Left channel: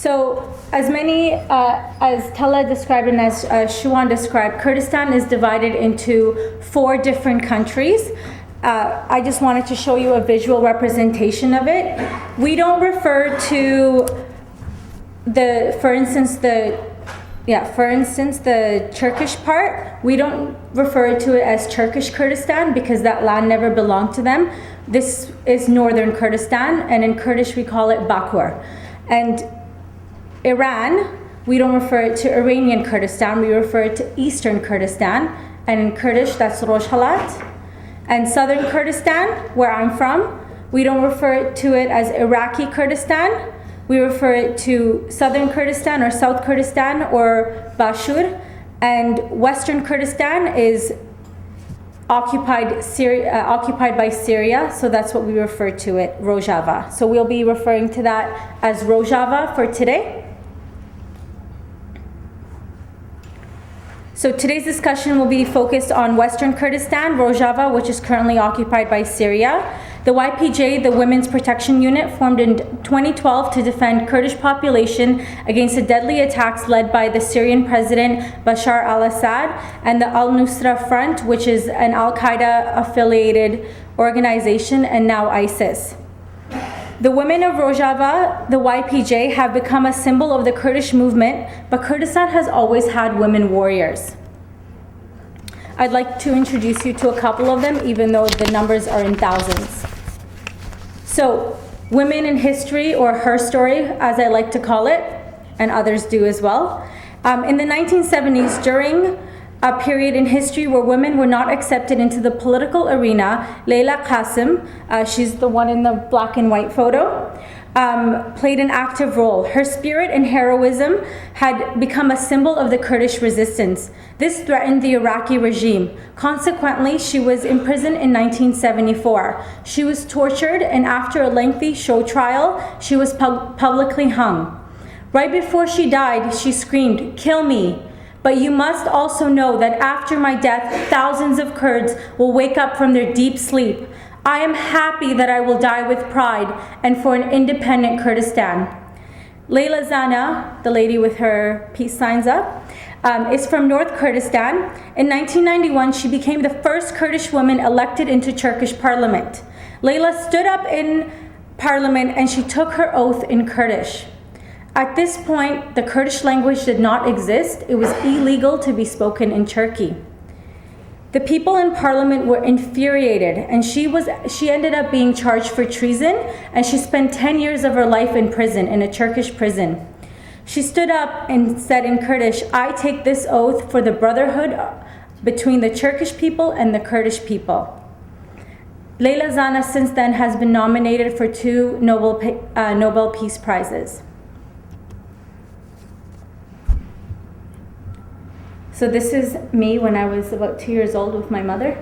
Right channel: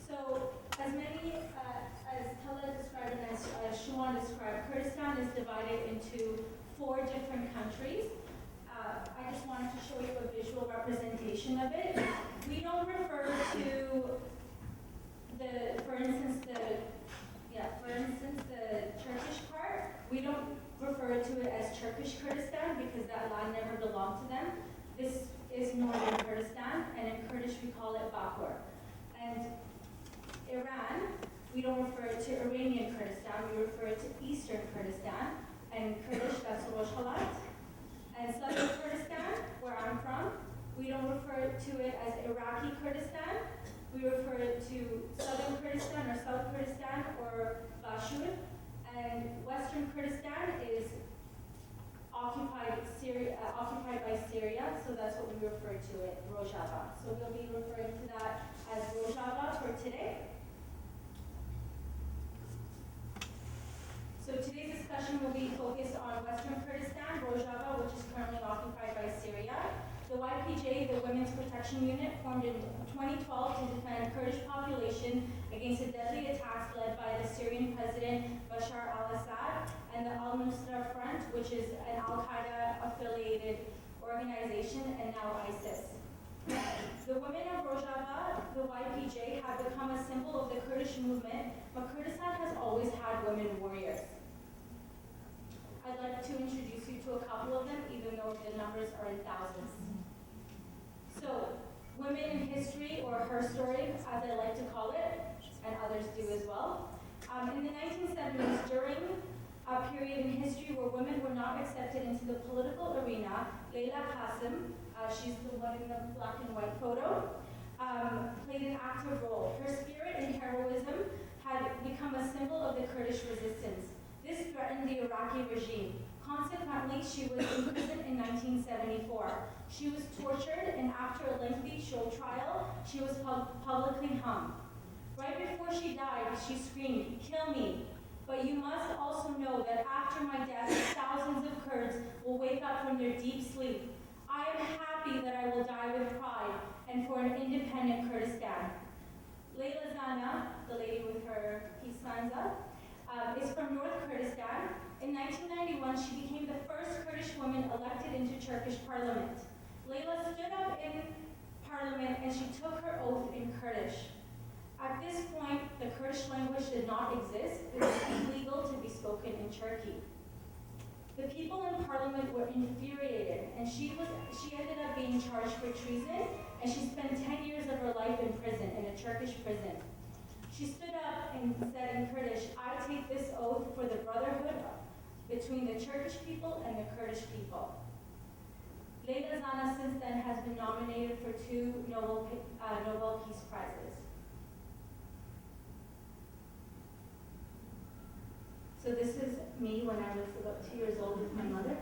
So, as Tela described and as Shwan described, Kurdistan is divided into 4 different countries. I just wanted to show you a visual representation of it. We don't refer to for instance, the Turkish part, we don't refer to it as Turkish Kurdistan because that land never belonged to them. This is northern Kurdistan, and in Kurdish we call it Bakur. And Iran, we don't refer it to Iranian Kurdistan, we refer it to Eastern Kurdistan, and in Kurdish that's Rojhalat. And southern Kurdistan, where I'm from, we don't refer to it as Iraqi Kurdistan, we refer it to southern Kurdistan or South Kurdistan or Bashur, and western Kurdistan is occupied by Syria, so that's what we refer to it, Rojava. So we'll be referring to that as Rojava for today. So today's discussion will be focused on Western Kurdistan, Rojava, which is currently occupied by Syria. The YPJ, the Women's Protection Unit, formed in 2012 to defend Kurdish population against the deadly attacks led by the Syrian President Bashar al-Assad, and the Al-Nusra Front, which is an Al-Qaeda affiliated organization, and now ISIS. The women of Rojava, the YPJ, have become a symbol of the Kurdish movement, but Kurdistan has always had women warriors. I'd like to introduce you to a couple of them, even though the numbers are in thousands. So, women in history, or her story, as I like to call it, and others do as well. In the 1970s, during a period in history where women were not accepted into the political arena, Layla Qasim, she's the one in the black and white photo, played an active role. Her spirit and heroism had become a symbol of the Kurdish resistance. This threatened the Iraqi regime. Consequently, she was imprisoned in 1974. She was tortured, and after a lengthy show trial, she was publicly hung. Right before she died, she screamed, "Kill me! But you must also know that after my death, thousands of Kurds will wake up from their deep sleep. I am happy that I will die with pride and for an independent Kurdistan." Layla Zana, the lady with her peace signs up, is from North Kurdistan. In 1991, she became the first Kurdish woman elected into Turkish parliament. Layla stood up in parliament and she took her oath in Kurdish. At this point, the Kurdish language did not exist. It was illegal to be spoken in Turkey. The people in parliament were infuriated, and she ended up being charged for treason, and she spent 10 years of her life in prison, in a Turkish prison. She stood up and said in Kurdish, "I take this oath for the brotherhood between the Turkish people and the Kurdish people." Layla Zana since then has been nominated for 2 Nobel Peace Prizes. So this is me when I was about 2 years old with my mother.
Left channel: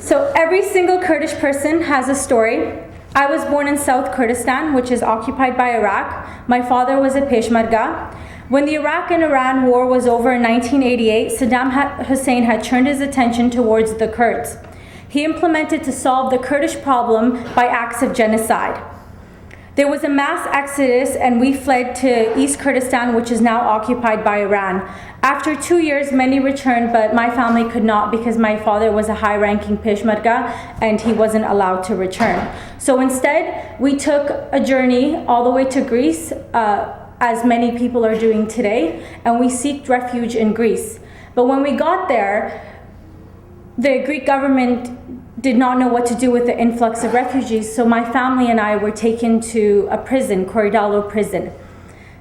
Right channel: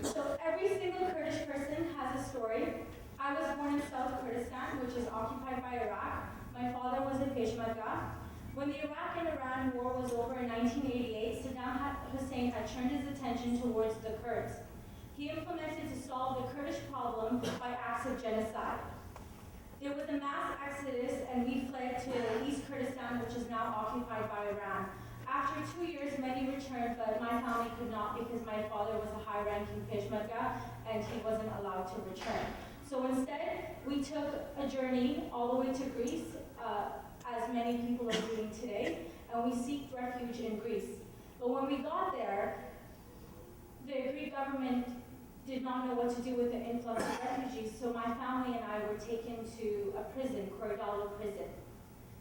So every single Kurdish person has a story. I was born in South Kurdistan, which is occupied by Iraq. My father was a Peshmerga. When the Iraq and Iran war was over in 1988, Saddam Hussein had turned his attention towards the Kurds. He implemented to solve the Kurdish problem by acts of genocide. There was a mass exodus, and we fled to East Kurdistan, which is now occupied by Iran. After 2 years, many returned, but my family could not because my father was a high-ranking Peshmerga and he wasn't allowed to return. So instead, we took a journey all the way to Greece, as many people are doing today, and we sought refuge in Greece. But when we got there, the Greek government did not know what to do with the influx of refugees, so my family and I were taken to a prison, Korydallo prison.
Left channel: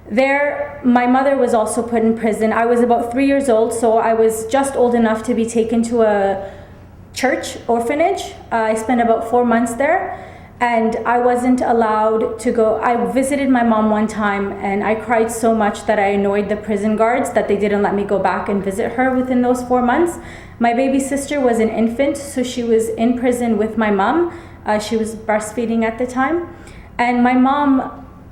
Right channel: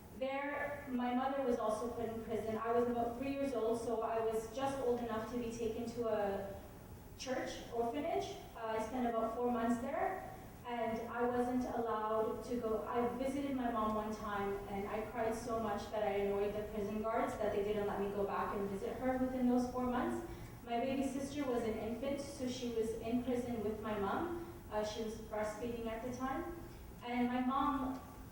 There, my mother was also put in prison. I was about 3 years old, so I was just old enough to be taken to a church orphanage. I spent about 4 months there, and I wasn't allowed to go. I visited my mom one time, and I cried so much that I annoyed the prison guards that they didn't let me go back and visit her within those 4 months. My baby sister was an infant, so she was in prison with my mom. She was breastfeeding at the time, and my mom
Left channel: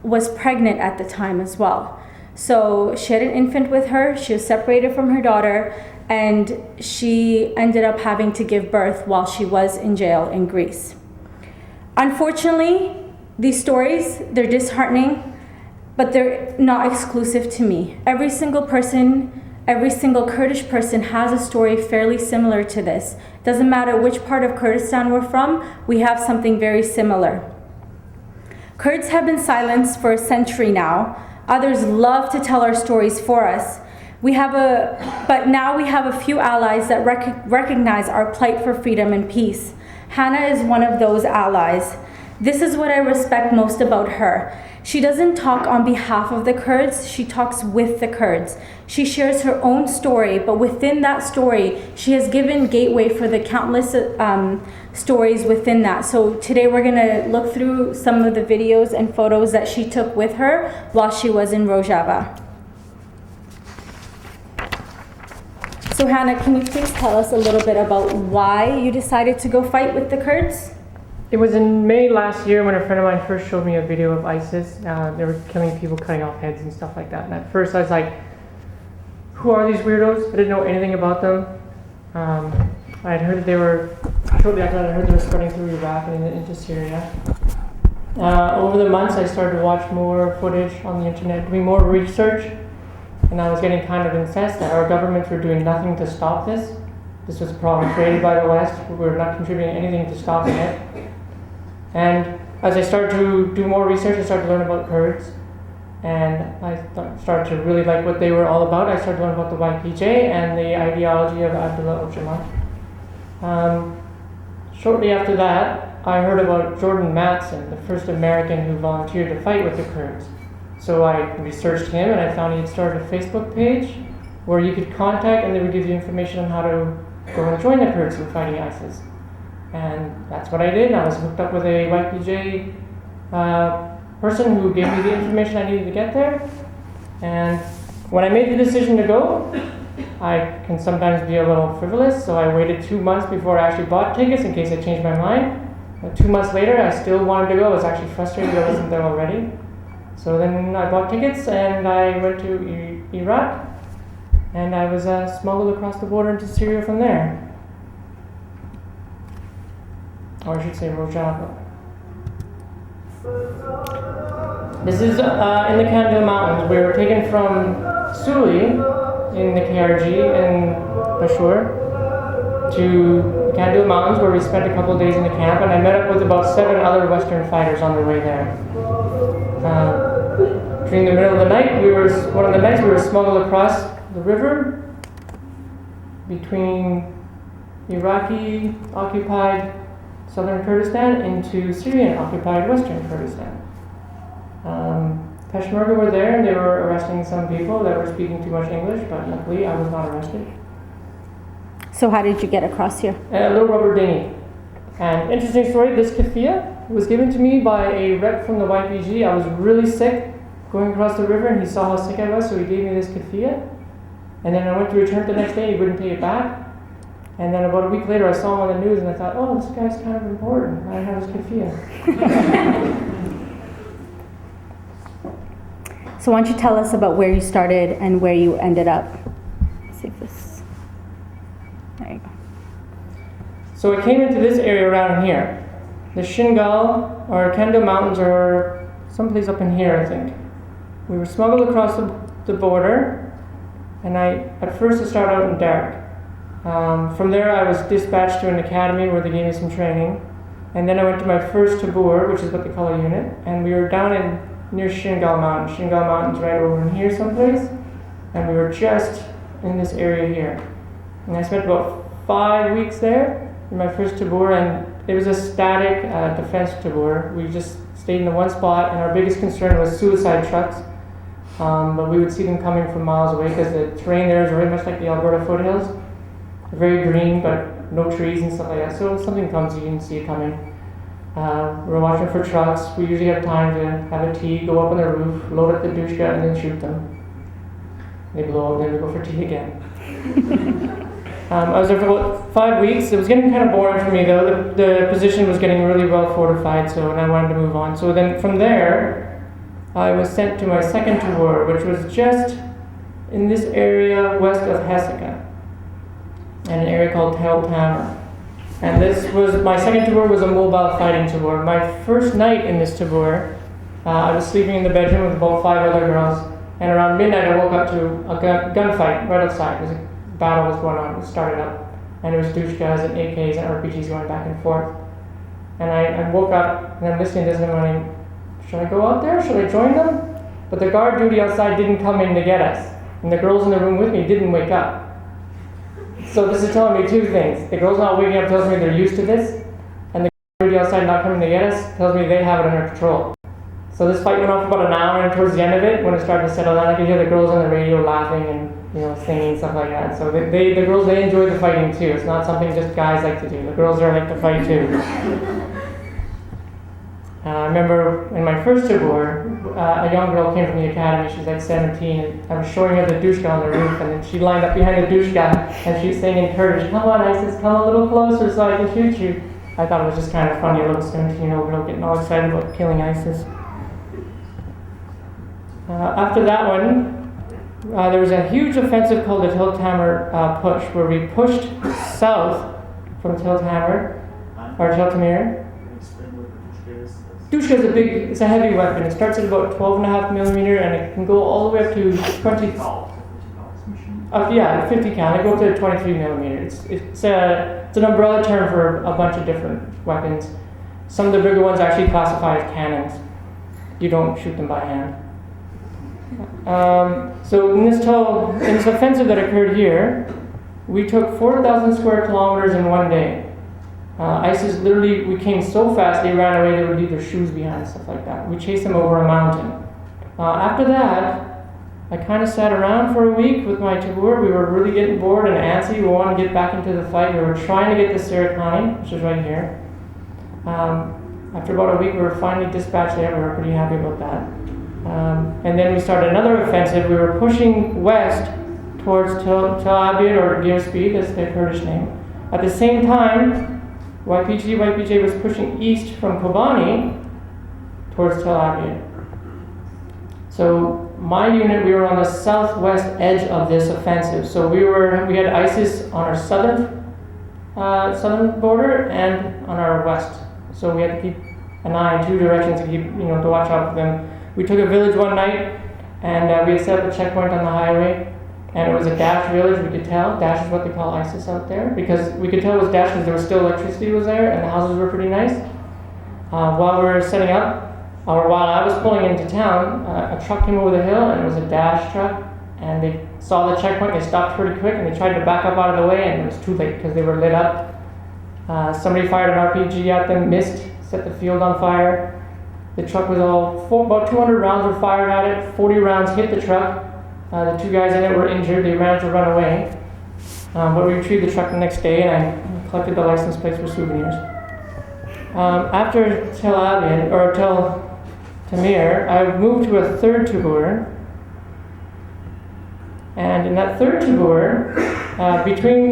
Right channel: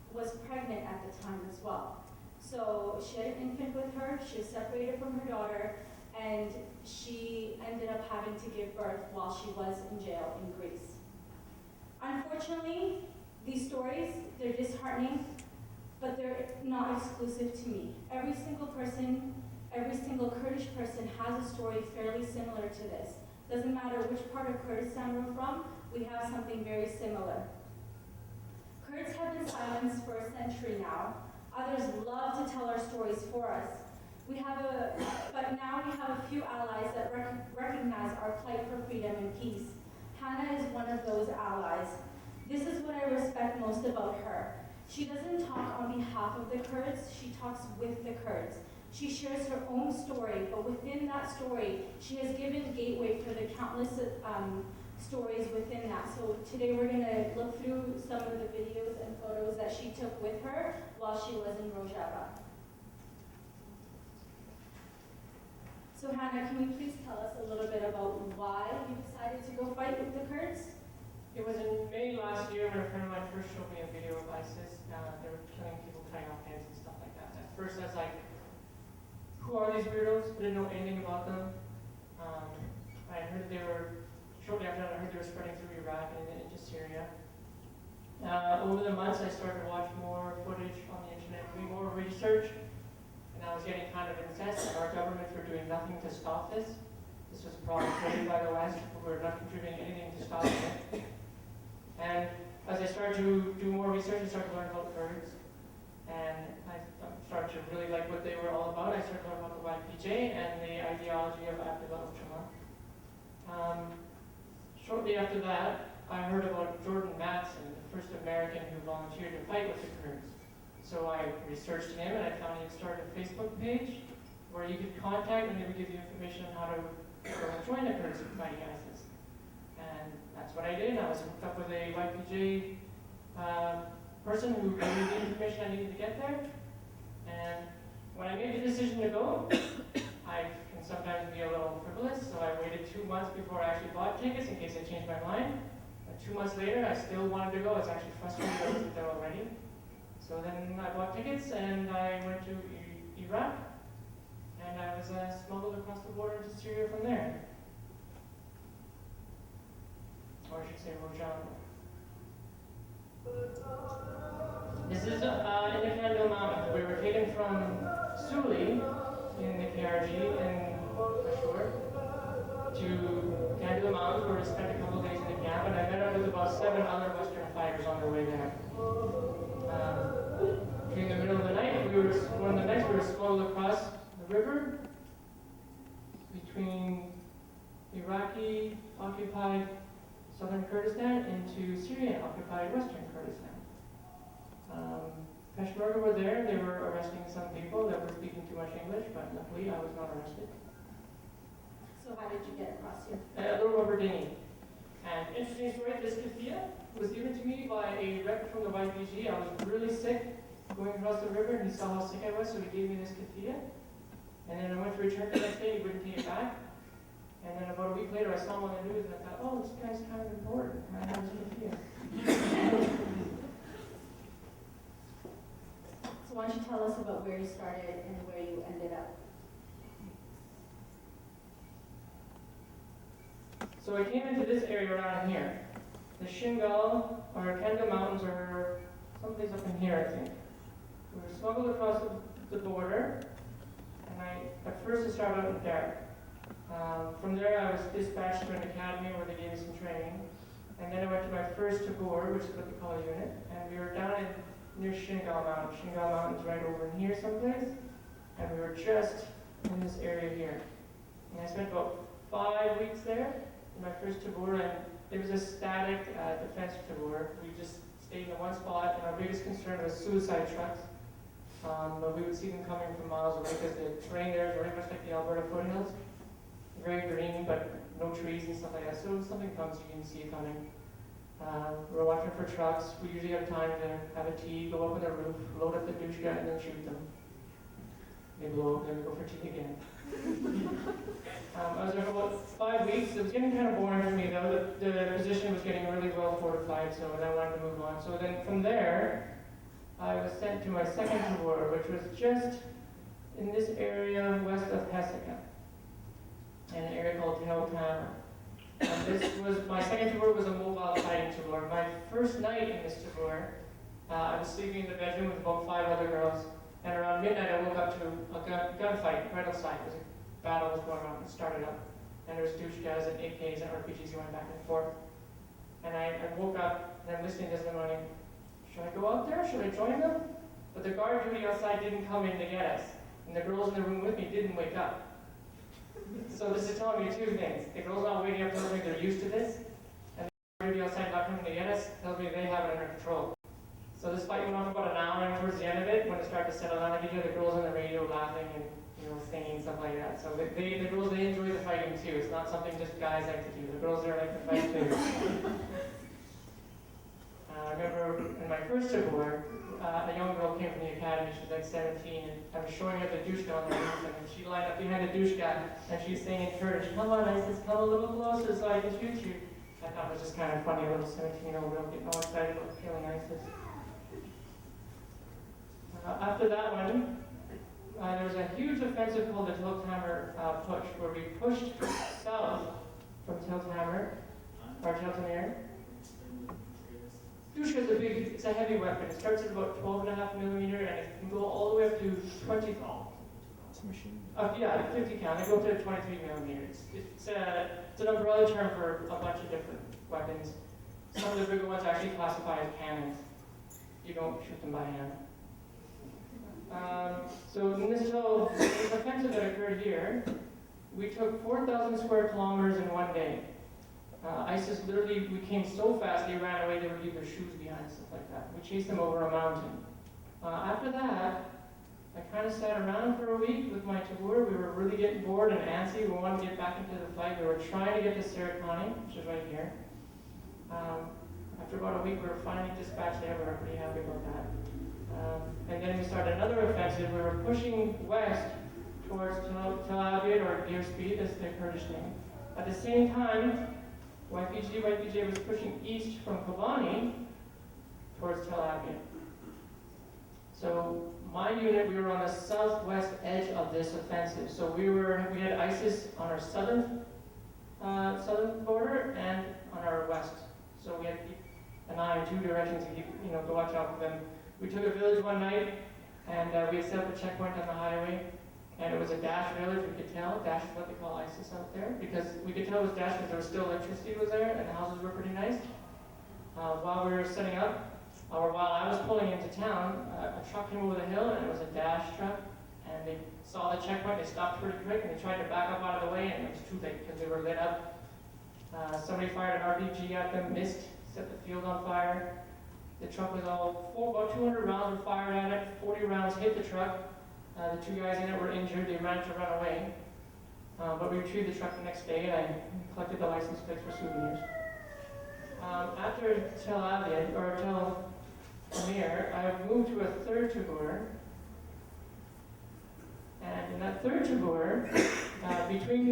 was pregnant at the time as well. So she had an infant with her, she was separated from her daughter, and she ended up having to give birth while she was in jail in Greece. Unfortunately, these stories, they're disheartening. but they're not exclusive to me. Every single Kurdish person has a story fairly similar to this. Doesn't matter which part of Kurdistan we're from, we have something very similar. Kurds have been silenced for a century now. Others love to tell our stories for us. But now we have a few allies that recognize our plight for freedom and peace. Hanna is one of those allies. This is what I respect most about her. She doesn't talk on behalf of the Kurds, she talks with the Kurds. She shares her own story, but within that story, she has given gateway for the countless stories within that. So today we're gonna look through some of the videos and photos that she took with her while she was in Rojava. So Hanna, can you please tell us a little bit about why you decided to go fight with the Kurds? It was in May last year when a friend of mine first showed me a video of ISIS. They were killing people, cutting off heads and stuff like that. And at first I was like, who are these weirdos? I didn't know anything about them. I had heard that they were, shortly after that I heard they were spreading through Iraq and into Syria. Over the months I started to watch more footage on the internet, doing more research, and I was getting kind of incensed that our governments were doing nothing to stop this. This was a problem created by the West. We were not contributing anything to stopping it. And as I started to do more research, I started to learn about Kurds, and I started to really like what they were all about. I started to learn about the YPJ and the ideology of Abdullah Öcalan. Shortly after that, I heard about Jordan Matson, the first American who volunteered to fight with the Kurds. So I researched him, and I found he had started a Facebook page where you could contact, and they would give you information on how to go and join the Kurds in fighting ISIS. And that's what I did. I was hooked up with a YPJ person who gave me the information I needed to get there. And when I made the decision to go, I can sometimes be a little frivolous, so I waited 2 months before I actually bought tickets in case I changed my mind. But 2 months later, I still wanted to go. I was actually frustrated I wasn't there already. So then I bought tickets and I went to Iraq, and I was smuggled across the border into Syria from there. Or I should say Rojava. This is in the Kandil Mountains. We were taken from Suli in the KRG in Peshawar to the Kandil Mountains, where we spent a couple of days in the camp, and I met up with about 7 other Western fighters on the way there. During the middle of the night, one of the nights we were smuggled across the river between Iraqi occupied southern Kurdistan into Syrian-occupied western Kurdistan. Peshmerga were there, and they were arresting some people that were speaking too much English, but luckily I was not arrested. So how did you get across here? A little rubber dinghy. And interesting story, this keffiyeh was given to me by a rep from the YPG. I was really sick going across the river, and he saw how sick I was, so he gave me this keffiyeh. And then I went to return it the next day, he wouldn't take it back. And then about a week later, I saw him on the news, and I thought, oh, this guy's kind of important. I have his keffiyeh. So why don't you tell us about where you started and where you ended up? Let's see if this, there you go. So I came into this area around here. The Shingal, or Kandil Mountains, are someplace up in here, I think. We were smuggled across the border, and at first I started out in Derek. From there I was dispatched to an academy where they gave me some training, and then I went to my first tabor, which is what they call a unit, and we were down near Shingal Mountain. Shingal Mountain's right over in here someplace, and we were just in this area here. And I spent about 5 weeks there in my first tabor, and it was a static defense tabor. We just stayed in the one spot, and our biggest concern was suicide trucks. But we would see them coming from miles away because the terrain there is very much like the Alberta foothills. Very green, but no trees and stuff like that. So if something comes, you can see it coming. We're watching for trucks. We usually have time to have a tea, go up on the roof, load up the dushka, and then shoot them. They blow up, then we go for tea again. I was there for about 5 weeks. It was getting kind of boring for me though. The position was getting really well fortified, and I wanted to move on. So then from there, I was sent to my second tour, which was just in this area west of Hesika, in an area called Tel Tamar. And this was, my second tour was a mobile fighting tour. My first night in this tour, I was sleeping in the bedroom with about 5 other girls, and around midnight I woke up to a gunfight right outside. There was a battle was going on. It started up, and there was douchekas and AKs and RPGs going back and forth. And I woke up and I'm listening to this and I'm going, should I go out there? Should I join them? But the guard duty outside didn't come in to get us, and the girls in the room with me didn't wake up. So this is telling me two things. The girls not waking up tells me they're used to this, and the guard duty outside not coming to get us tells me they have it under control. So this fight went on for about an hour, and towards the end of it, when it started to settle down, I could hear the girls on the radio laughing and singing and stuff like that. So the girls, they enjoy the fighting too. It's not something just guys like to do. The girls are like to fight too. I remember in my first tour, a young girl came from the academy. She's like 17, and I was showing her the douchka on the roof, and then she lined up behind the douchka, and she was saying in Kurdish, "Come on, Isis, come a little closer so I can shoot you." I thought it was just kind of funny, a little 17-year-old girl getting all excited about killing Isis. After that one, there was a huge offensive called the Tel Tamer push, where we pushed south from Tel Tamer, or Tel Tamir. Douchka is it's a heavy weapon. It starts at about 12.5 millimeter, and it can go all the way up to 20. 50 cal. They go up to 23 millimeter. It's an umbrella term for a bunch of different weapons. Some of the bigger ones actually classify as cannons. You don't shoot them by hand. So in this offensive that occurred here, we took 4,000 square kilometers in one day. ISIS literally, we came so fast they ran away, they would leave their shoes behind and stuff like that. We chased them over a mountain. After that, I kind of sat around for a week with my tabur. We were really getting bored and antsy. We wanted to get back into the fight. We were trying to get the Serakani, which is right here. After about a week, we were finally dispatched there. We were pretty happy about that. And then we started another offensive. We were pushing west towards Tel Abyad, or Gilspeed, that's their Kurdish name. At the same time, YPJ was pushing east from Kobane towards Tel Abyad. So my unit, we were on the southwest edge of this offensive. So we had ISIS on our southern border and on our west. So we had to keep an eye in two directions to keep, to watch out for them. We took a village one night, and we had set up a checkpoint on the highway. And it was a Daesh village, we could tell. Daesh is what they call ISIS out there. Because we could tell it was Daesh because there was still electricity was there and the houses were pretty nice. While we were setting up, or while I was pulling into town, a truck came over the hill, and it was a Daesh truck. And they saw the checkpoint, they stopped pretty quick, and they tried to back up out of the way, and it was too late because they were lit up. Somebody fired an RPG at them, missed, set the field on fire. The truck was about 200 rounds were fired at it, 40 rounds hit the truck. The two guys in it were injured. They ran to run away. But we retrieved the truck the next day, and I collected the license plates for souvenirs. After Tel Abyad, or Tel Tamir, I moved to a third tabur. And in that third tabur,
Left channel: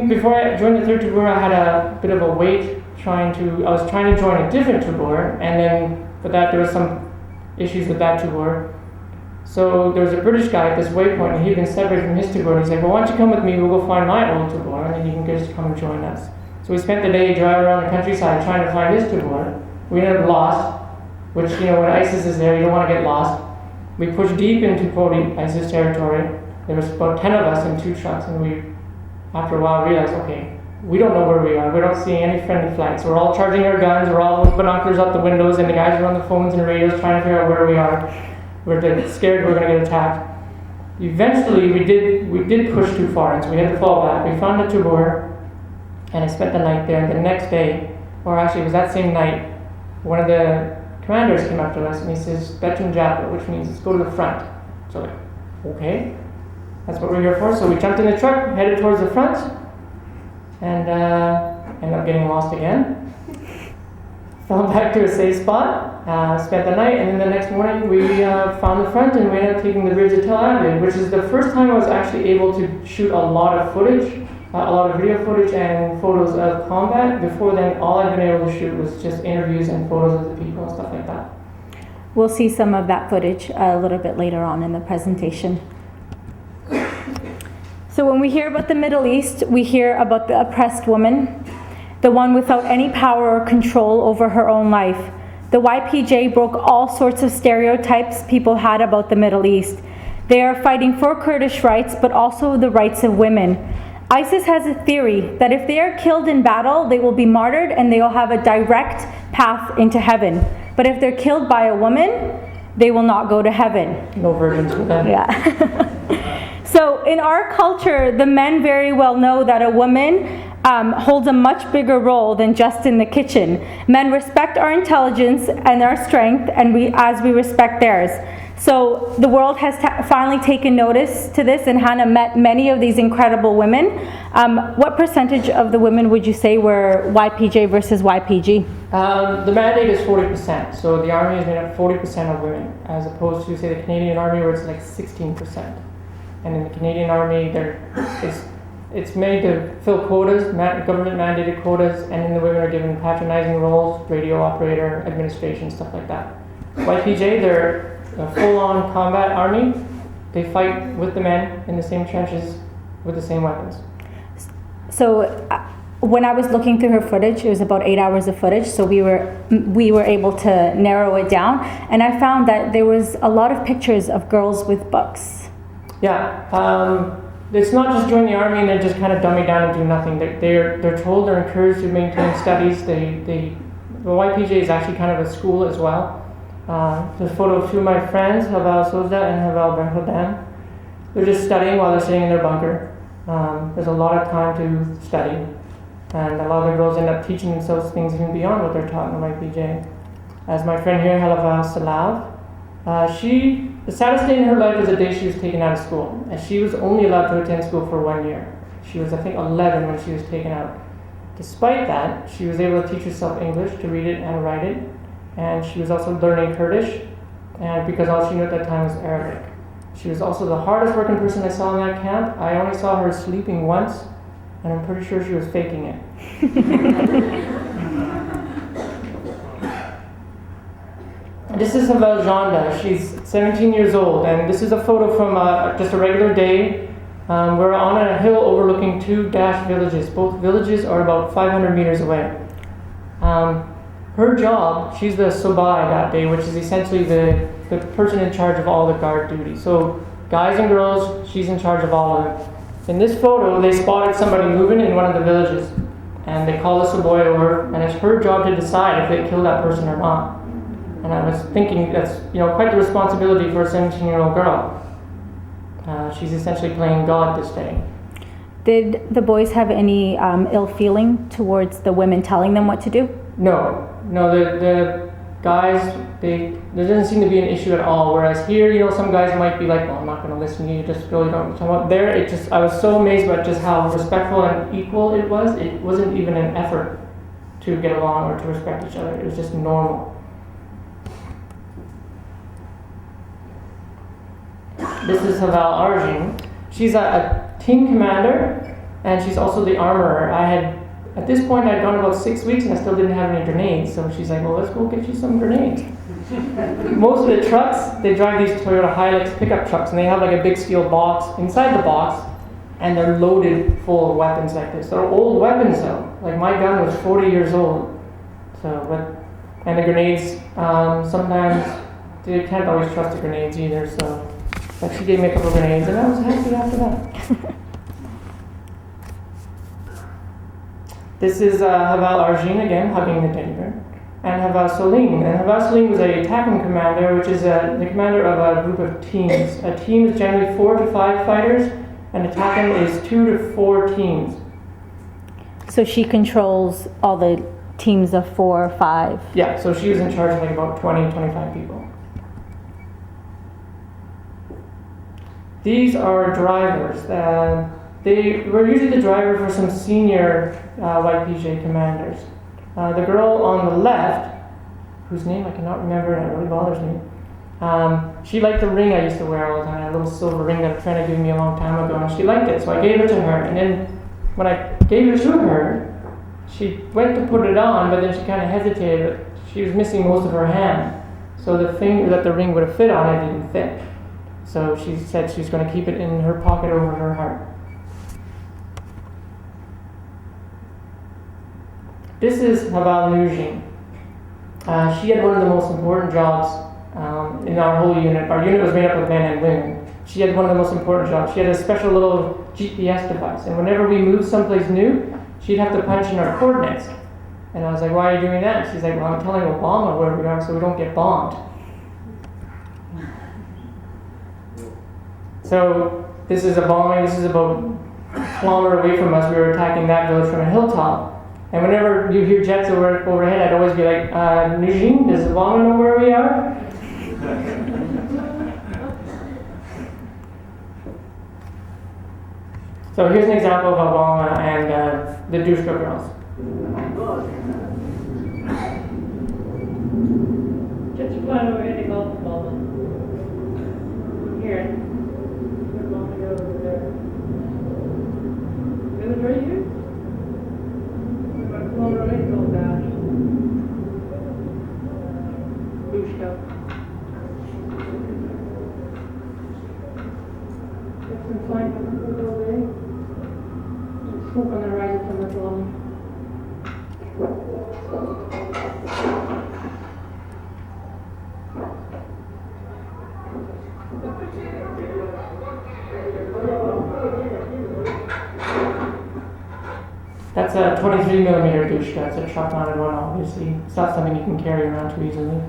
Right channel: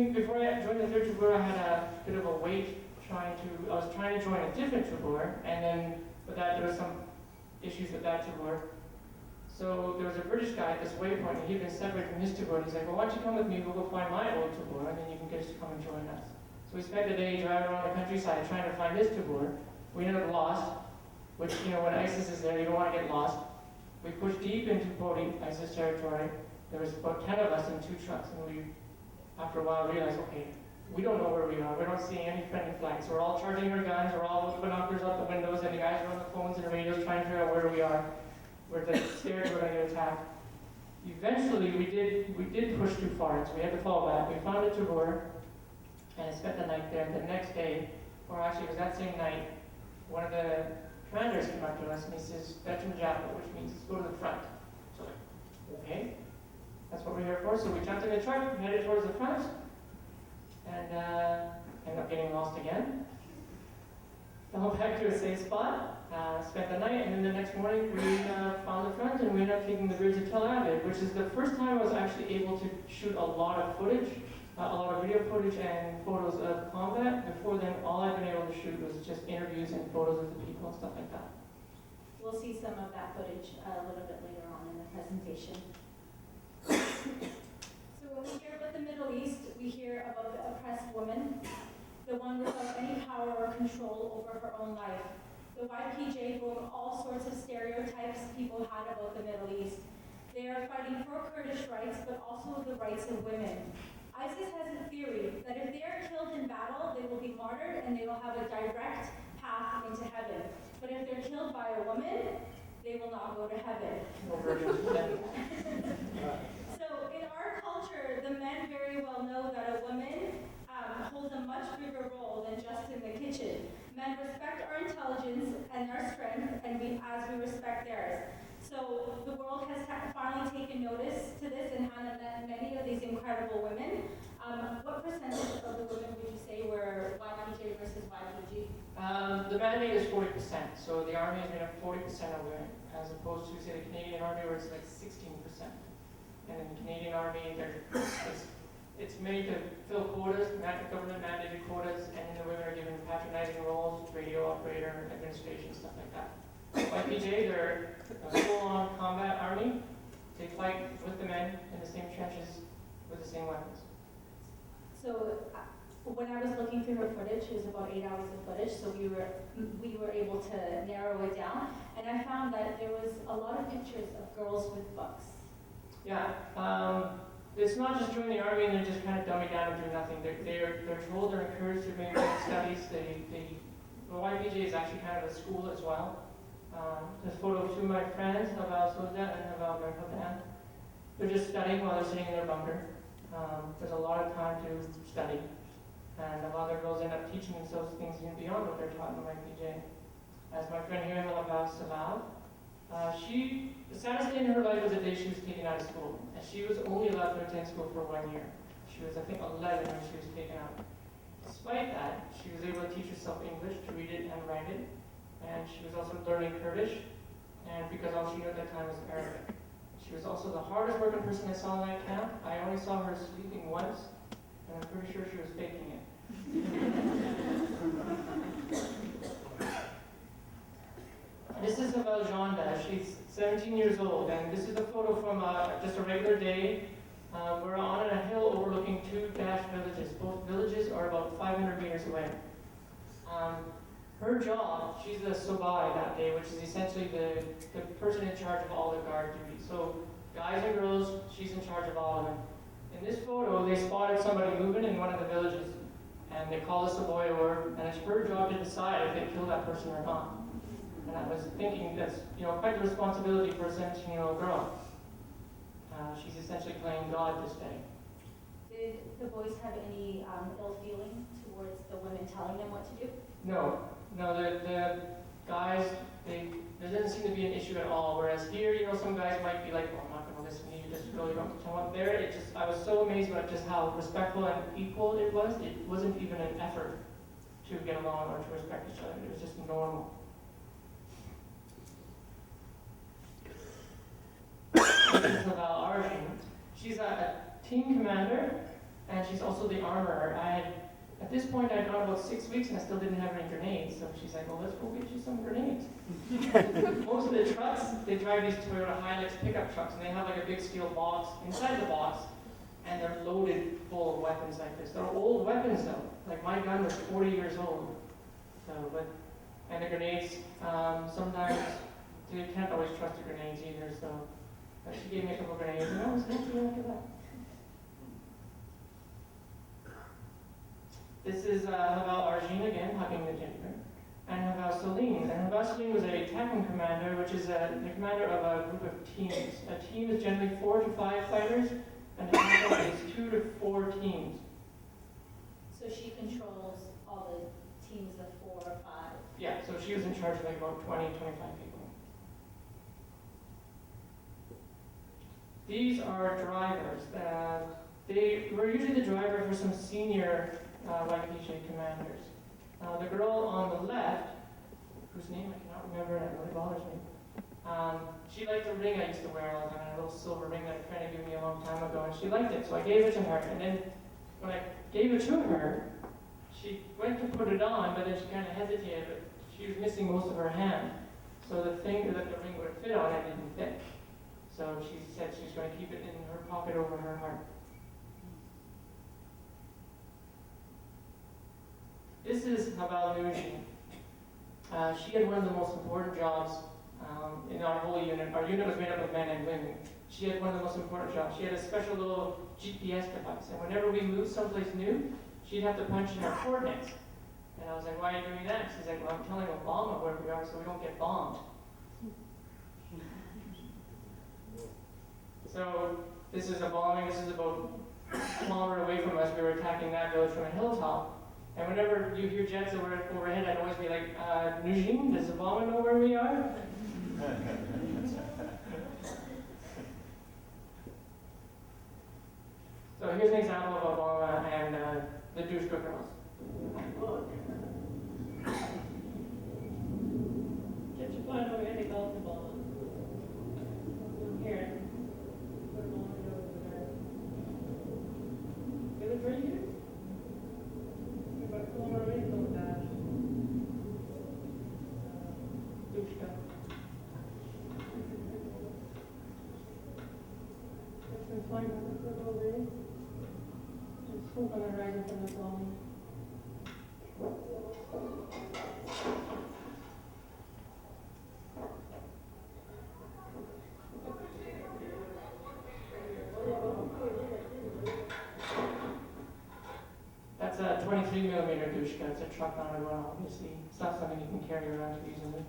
before I joined the third tabur, I had a bit of a wait I was trying to join a different tabur, and then for that there was some issues with that tabur. So there was a British guy at this waypoint, and he'd been separated from his tabur, and he said, "Well, why don't you come with me, we'll go find my old tabur, and then you can just come and join us." So we spent the day driving around the countryside trying to find his tabur. We ended up lost, which, when ISIS is there, you don't want to get lost. We pushed deep into ISIS territory. There was about 10 of us in 2 trucks, and we, after a while, realized, okay, we don't know where we are. We don't see any friendly flags. So we're all charging our guns, we're all with binoculars up the windows, and the guys are on the phones and radios trying to figure out where we are. We're scared we're going to get attacked. Eventually, we did push too far, and so we had to fall back. We found a tabur, and I spent the night there. And the next day, or actually it was that same night, one of the commanders came up to us, and he says, "Betun Japa," which means let's go to the front. So like, okay, that's what we're here for. So we jumped in the truck, headed towards the front, and ended up getting lost again. Fell back to a safe spot. Spent the night, and then the next morning we found the front, and we ended up taking the bridge to Tel Abyad, which is the first time I was actually able to shoot a lot of footage, a lot of video footage and photos of combat. Before then, all I've been able to shoot was just interviews and photos of the people and stuff like that. We'll see some of that footage a little bit later on in the presentation. So when we hear about the Middle East, we hear about the oppressed woman, the one without any power or control over her own life, The YPJ broke all sorts of stereotypes people had about the Middle East. They are fighting for Kurdish rights, but also the rights of women. ISIS has a theory that if they are killed in battle, they will be martyred and they will have a direct path into heaven. But if they're killed by a woman, they will not go to heaven. No virgins with them. Yeah. So in our culture, the men very well know that a woman holds a much bigger role than just in the kitchen. Men respect our intelligence and our strength, and as we respect theirs. So the world has finally taken notice to this, and Hanna met many of these incredible women. What percentage of the women would you say were YPJ versus YPG? The mandate is 40%, so the army is made up 40% of women, as opposed to, say, the Canadian Army, where it's like 16%. And in the Canadian Army, it's made to fill quotas, government-mandated quotas, and then the women are given patronizing roles, radio operator, administration, stuff like that. YPJ, they're a full-on combat army. They fight with the men in the same trenches with the same weapons. So when I was looking through her footage, it was about 8 hours of footage, so we were able to narrow it down, and I found that there was a lot of pictures of girls with books. Yeah, it's not just join the army and then just kind of dumb it down and do nothing. They're told, they're encouraged to maintain studies. The YPJ is actually kind of a school as well. There's a photo of two of my friends, Haval Sozda and Haval Berhodan. They're just studying while they're sitting in their bunker. There's a lot of time to study, and a lot of the girls end up teaching themselves things even beyond what they're taught in the YPJ. As my friend here, Haval Salav, the saddest day in her life was the day she was taken out of school, and she was only allowed to attend school for 1 year. She was, I think, 11 when she was taken out. Despite that, she was able to teach herself English, to read it and write it, and she was also learning Kurdish, and because all she knew at that time was Arabic. She was also the hardest working person I saw in that camp. I only saw her sleeping once, and I'm pretty sure she was faking it. This is Havel Janda. She's 17 years old, and this is a photo from just a regular day. We're on a hill overlooking two dashed villages. Both villages are about 500 meters away. Her job, she's the sobai that day, which is essentially the person in charge of all the guard duty. So guys and girls, she's in charge of all of them. In this photo, they spotted somebody moving in one of the villages, and they called the sobai over, and it's her job to decide if they kill that person or not. And I was thinking that's quite the responsibility for a 17-year-old girl. She's essentially playing God this day. Did the boys have any ill feeling towards the women telling them what to do? No. The guys, there doesn't seem to be an issue at all. Whereas here, some guys might be like, "Well, I'm not going to listen to you. Just really don't." There, I was so amazed by just how respectful and equal it was. It wasn't even an effort to get along or to respect each other. It was just normal. This is Haval Arjun. She's a team commander, and she's also the armorer. At this point, I'd gone about 6 weeks, and I still didn't have any grenades. So she's like, "Well, let's go get you some grenades." Most of the trucks, they drive these Toyota Hilux pickup trucks, and they have like a big steel box inside the box, and they're loaded full of weapons like this. They're old weapons though. Like my gun was 40 years old. And the grenades, sometimes you can't always trust the grenades either. But she gave me a couple of grenades, and I was happy after that. This is Haval Arjun again, hugging the teddy bear, and Haval Salim. And Haval Salim was a Takum commander, which is the commander of a group of teams. A team is generally 4 to 5 fighters, and a Takum is 2 to 4 teams. So she controls all the teams of 4 or 5? Yeah, so she was in charge of like about 20, 25 people. These are drivers. They were usually the driver for some senior YPJ commanders. The girl on the left, whose name I cannot remember and it really bothers me, she liked the ring I used to wear all the time, a little silver ring that a friend had given me a long time ago, and she liked it, so I gave it to her. And then when I gave it to her, she went to put it on, but then she kind of hesitated. She was missing most of her hand, so the finger that the ring would have fit on it didn't fit. So she said she was going to keep it in her pocket over her heart. This is Haval Nujin. She had one of the most important jobs in our whole unit. Our unit was made up of men and women. She had one of the most important jobs. She had a special little GPS device, and whenever we moved someplace new, she'd have to punch in our coordinates. And I was like, why are you doing that? She's like, well, I'm telling Obama where we are so we don't get bombed. So this is a bombing. This is about a kilometer away from us. We were attacking that village from a hilltop. And whenever you hear jets overhead, I'd always be like, Nujin, does Obama know where we are? So here's an example of Obama and the Dushka girls. Get your plan over here to go to Obama. Here. Obama girl over there. Is it right here? That's a 23 millimeter dushka. It's a truck mounted one, obviously. It's not something you can carry around too easily.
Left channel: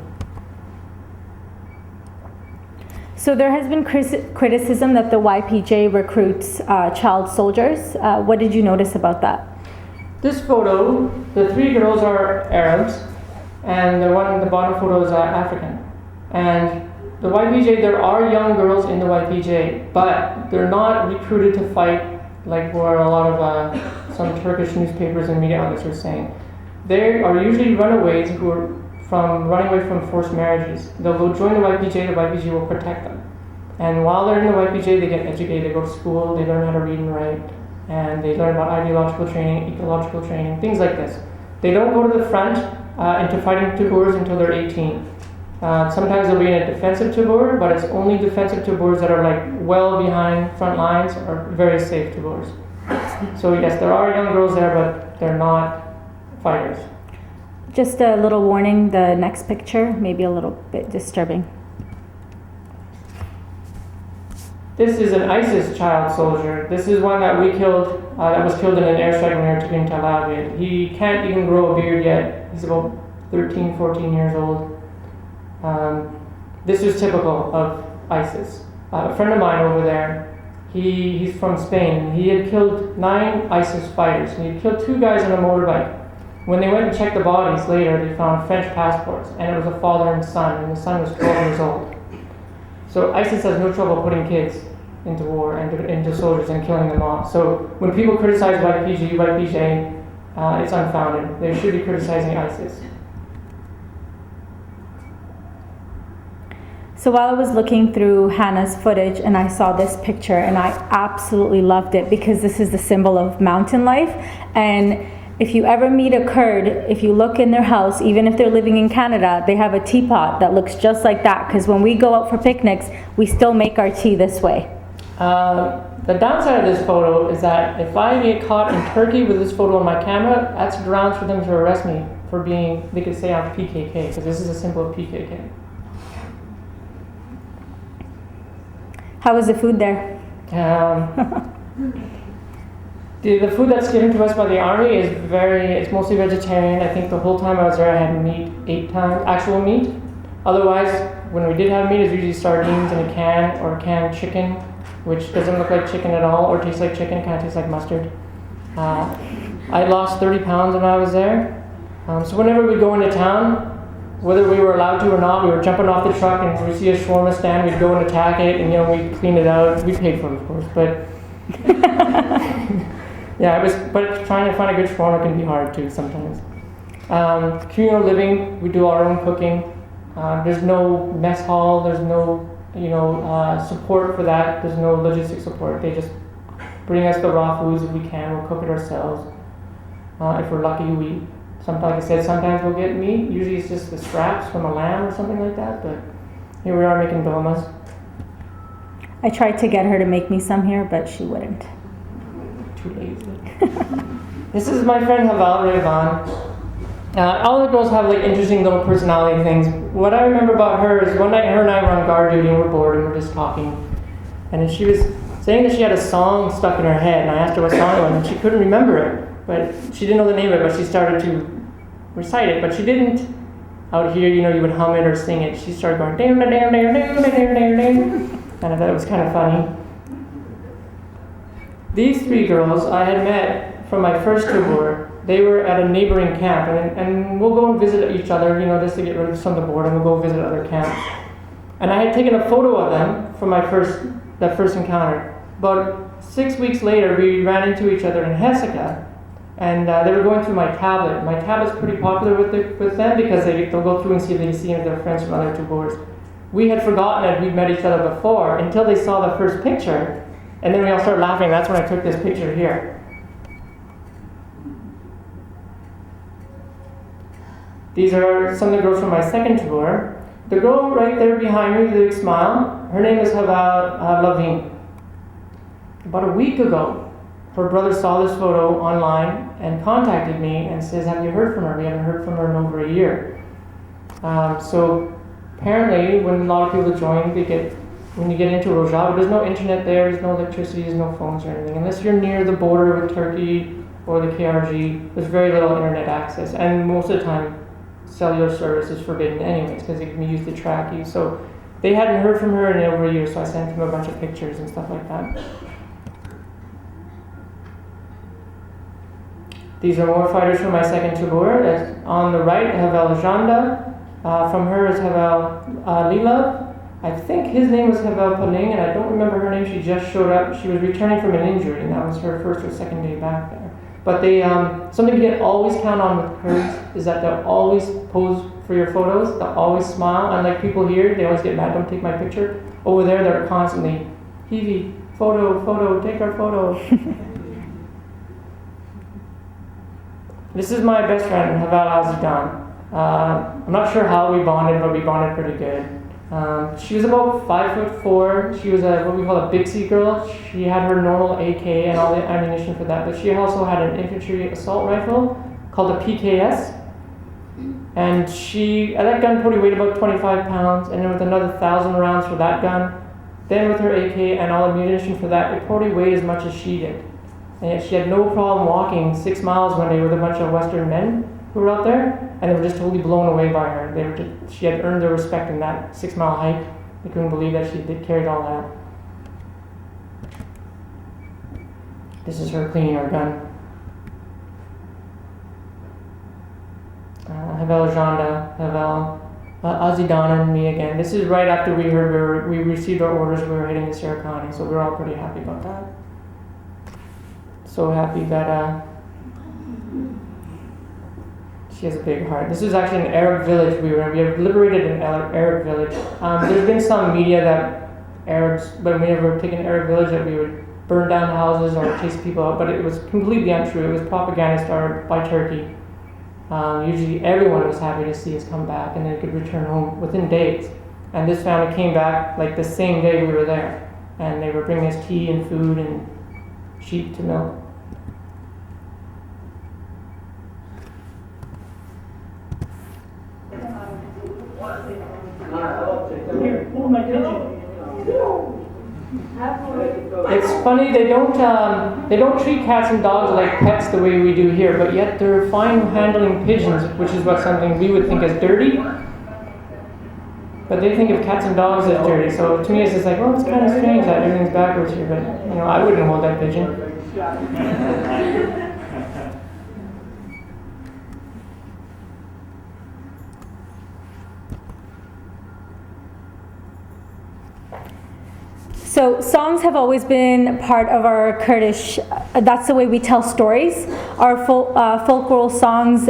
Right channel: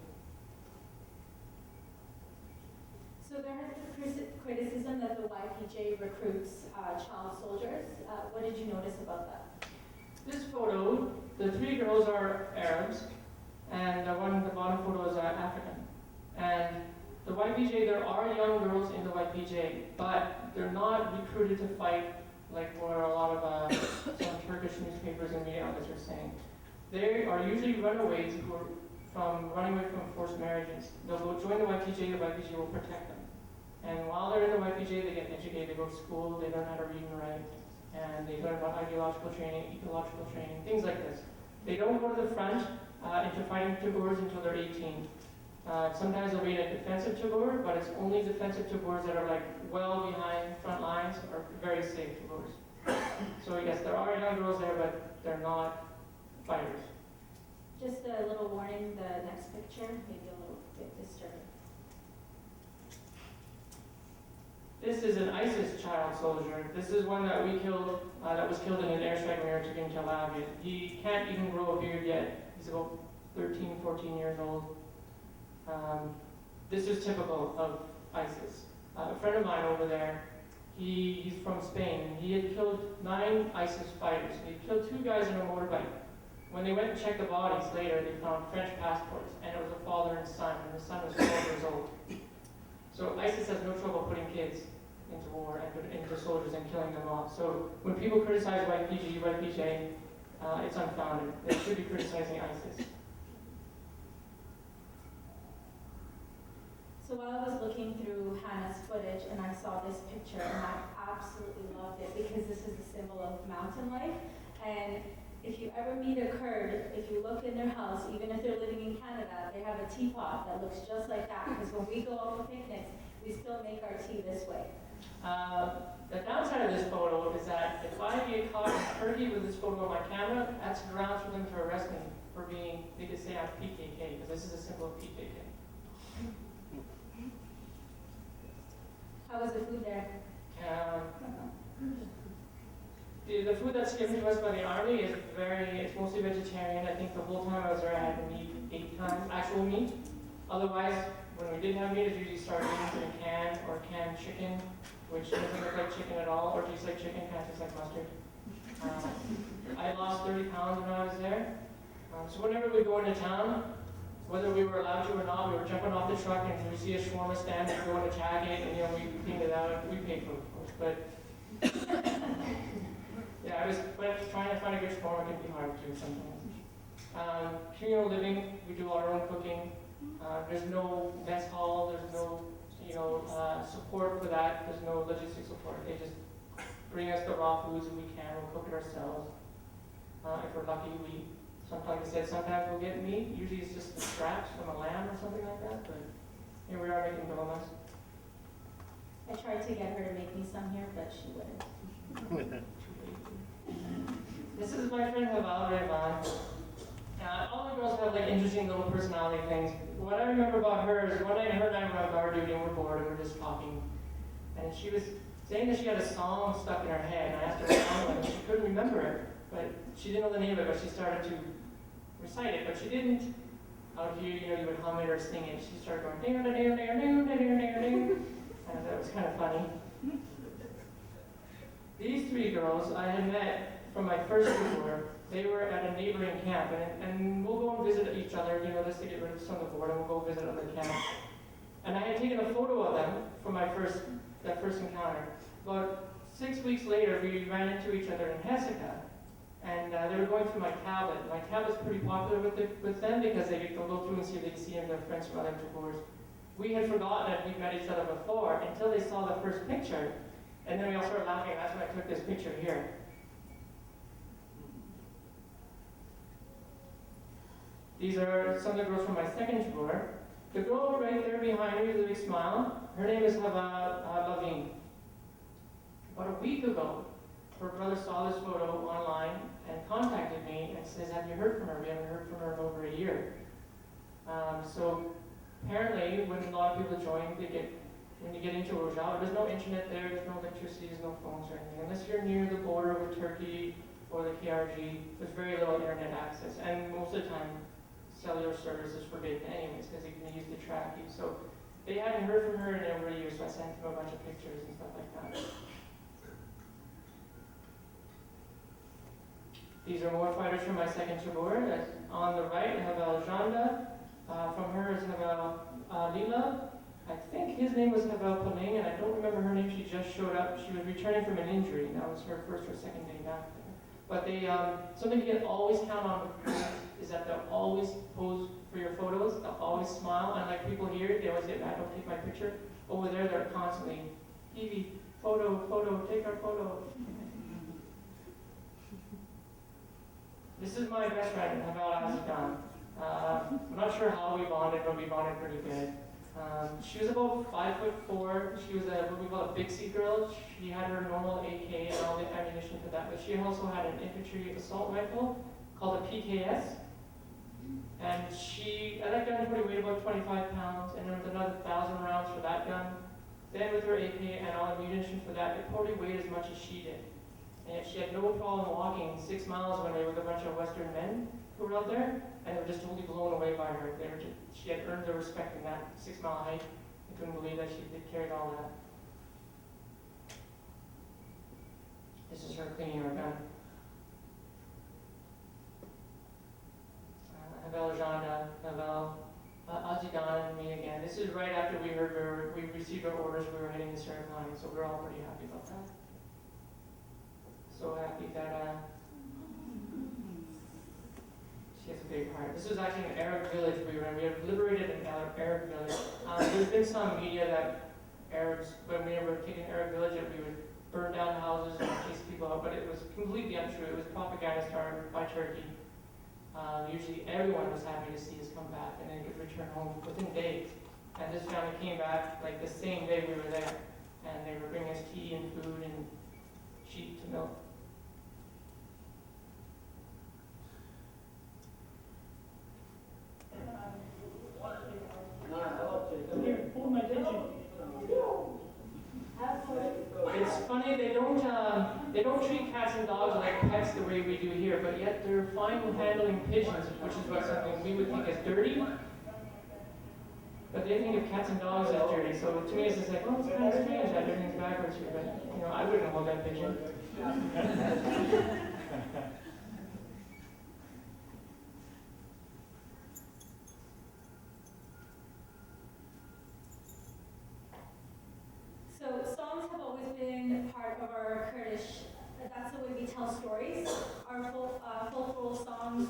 So there has been criticism that the YPJ recruits child soldiers. What did you notice about that? This photo, the three girls are Arabs, and the one in the bottom photo is African. And the YPJ, there are young girls in the YPJ, but they're not recruited to fight like where a lot of some Turkish newspapers and media outlets are saying. They are usually runaways who are running away from forced marriages. They'll go join the YPJ will protect them. And while they're in the YPJ, they get educated, they go to school, they learn how to read and write, and they learn about ideological training, ecological training, things like this. They don't go to the front into fighting Tagors until they're 18. Sometimes they'll be in a defensive Tagor, but it's only defensive Tagors that are like well behind front lines or very safe Tagors. So yes, there are young girls there, but they're not fighters. Just a little warning, the next picture may be a little bit disturbing. This is an ISIS child soldier. This is one that we killed, that was killed in an airstrike when we were taking Tel Aviv. He can't even grow a beard yet. He's about 13, 14 years old. This is typical of ISIS. A friend of mine over there, he's from Spain. He had killed 9 ISIS fighters. And he had killed 2 guys on a motorbike. When they went to check the bodies later, they found French passports, and it was a father and son, and the son was 12 years old. So ISIS has no trouble putting kids into war and into soldiers and killing them off. So when people criticize YPJ, it's unfounded. They should be criticizing ISIS. So while I was looking through Hanna's footage and I saw this picture, and I absolutely loved it because this is the symbol of mountain life. And if you ever meet a Kurd, if you look in their house, even if they're living in Canada, they have a teapot that looks just like that, because when we go out for picnics, we still make our tea this way. The downside of this photo is that if I get caught in Turkey with this photo on my camera, that's grounds for them to arrest me for being, they could say I'm PKK, because this is a symbol of PKK. How was the food there? The food that's given to us by the army is it's mostly vegetarian. I think the whole time I was there I had meat 8 times, actual meat. Otherwise, when we did have meat, it's usually sardines in a can or canned chicken, which doesn't look like chicken at all or tastes like chicken, kind of tastes like mustard. I lost 30 pounds when I was there. So whenever we go into town, whether we were allowed to or not, we were jumping off the truck and we see a shawarma stand, we'd go and attack it, and we'd clean it out. We paid for it, of course, but yeah, but trying to find a good shawarma can be hard too sometimes. Communal living, we do our own cooking. There's no mess hall, there's no support for that. There's no logistic support. They just bring us the raw foods if we can. We'll cook it ourselves. If we're lucky, like I said, sometimes we'll get meat. Usually it's just the scraps from a lamb or something like that, but here we are making dolmas. I tried to get her to make me some here, but she wouldn't. Too lazy. This is my friend Haval Revan. All the girls have like interesting little personality things. What I remember about her is one night her and I were on guard duty and we're bored and we're just talking. And then she was saying that she had a song stuck in her head, and I asked her what song it was, and she couldn't remember it. But she didn't know the name of it, but she started to recite it. But she didn't, out here, you know, you would hum it or sing it. She started going, ding, ding, ding, ding, ding, ding, ding, ding. And I thought it was kind of funny. These three girls I had met from my first tour. They were at a neighboring camp, and we'll go and visit each other, you know, just to get rid of some of the boredom. We'll go visit other camps. And I had taken a photo of them from that first encounter. About 6 weeks later, we ran into each other in Hesika, and they were going through my tablet. My tablet's pretty popular with them because they'll go through and see if they can see any of their friends from other tours. We had forgotten that we'd met each other before until they saw the first picture, and then we all started laughing. That's when I took this picture here. These are some of the girls from my second tour. The girl right there behind me with a big smile, her name is Hava Lavin. About a week ago, her brother saw this photo online and contacted me and says, have you heard from her? We haven't heard from her in over a year. So apparently, when a lot of people join, when you get into Rojava, there's no internet there, there's no electricity, there's no phones or anything. Unless you're near the border with Turkey or the KRG, there's very little internet access. And most of the time, cellular service is forbidden anyways because it can be used to track you. So they hadn't heard from her in over a year, so I sent them a bunch of pictures and stuff like that. These are more fighters from my second tour. That's on the right, Havel Janda. From her is Havel Lila. I think his name was Havel Paling, and I don't remember her name. She just showed up. She was returning from an injury, and that was her first or second day back there. But they, something you can always count on with Kurds is that they'll always pose for your photos. They'll always smile. Unlike people here, they always get mad, don't take my picture. Over there, they're constantly, Hivi, photo, take our photo. This is my best friend, Haval Azidan. I'm not sure how we bonded, but we bonded pretty good. She was about 5'4". She was what we call a Bixie girl. She had her normal AK and all the ammunition for that, but she also had an infantry assault rifle called a PKS. And that gun probably weighed about 25 pounds, and then with another 1,000 rounds for that gun, then with her AK and all the ammunition for that, it probably weighed as much as she did. And yet she had no problem walking 6 miles one day with a bunch of Western men who were out there, and they were just totally blown away by her. She had earned their respect in that 6-mile hike. They couldn't believe that she carried all that. This is her cleaning her gun. Havel Janda, Havel Azidan, and me again. This is right after we received our orders. We were heading to Serikani, so we were all pretty happy about that. So happy that she has a big heart. This is actually an Arab village we have liberated an Arab village. There's been some media that Arabs, when we were taking an Arab village, that we would burn down houses or chase people out, but it was completely untrue. It was propaganda started by Turkey. Usually everyone was happy to see us come back and they could return home within days. And this family came back like the same day we were there. And they were bringing us tea and food and sheep to milk. Here, hold my pigeon. It's funny, they don't treat cats and dogs like pets the way we do here, but yet they're fine handling pigeons, which is something we would think as dirty. But they think of cats and dogs as dirty. So to me, it's just like, well, it's kind of strange that everything's backwards here. But I wouldn't hold that pigeon. So songs have always been part of our Kurdish, that's the way we tell stories. Our folklore songs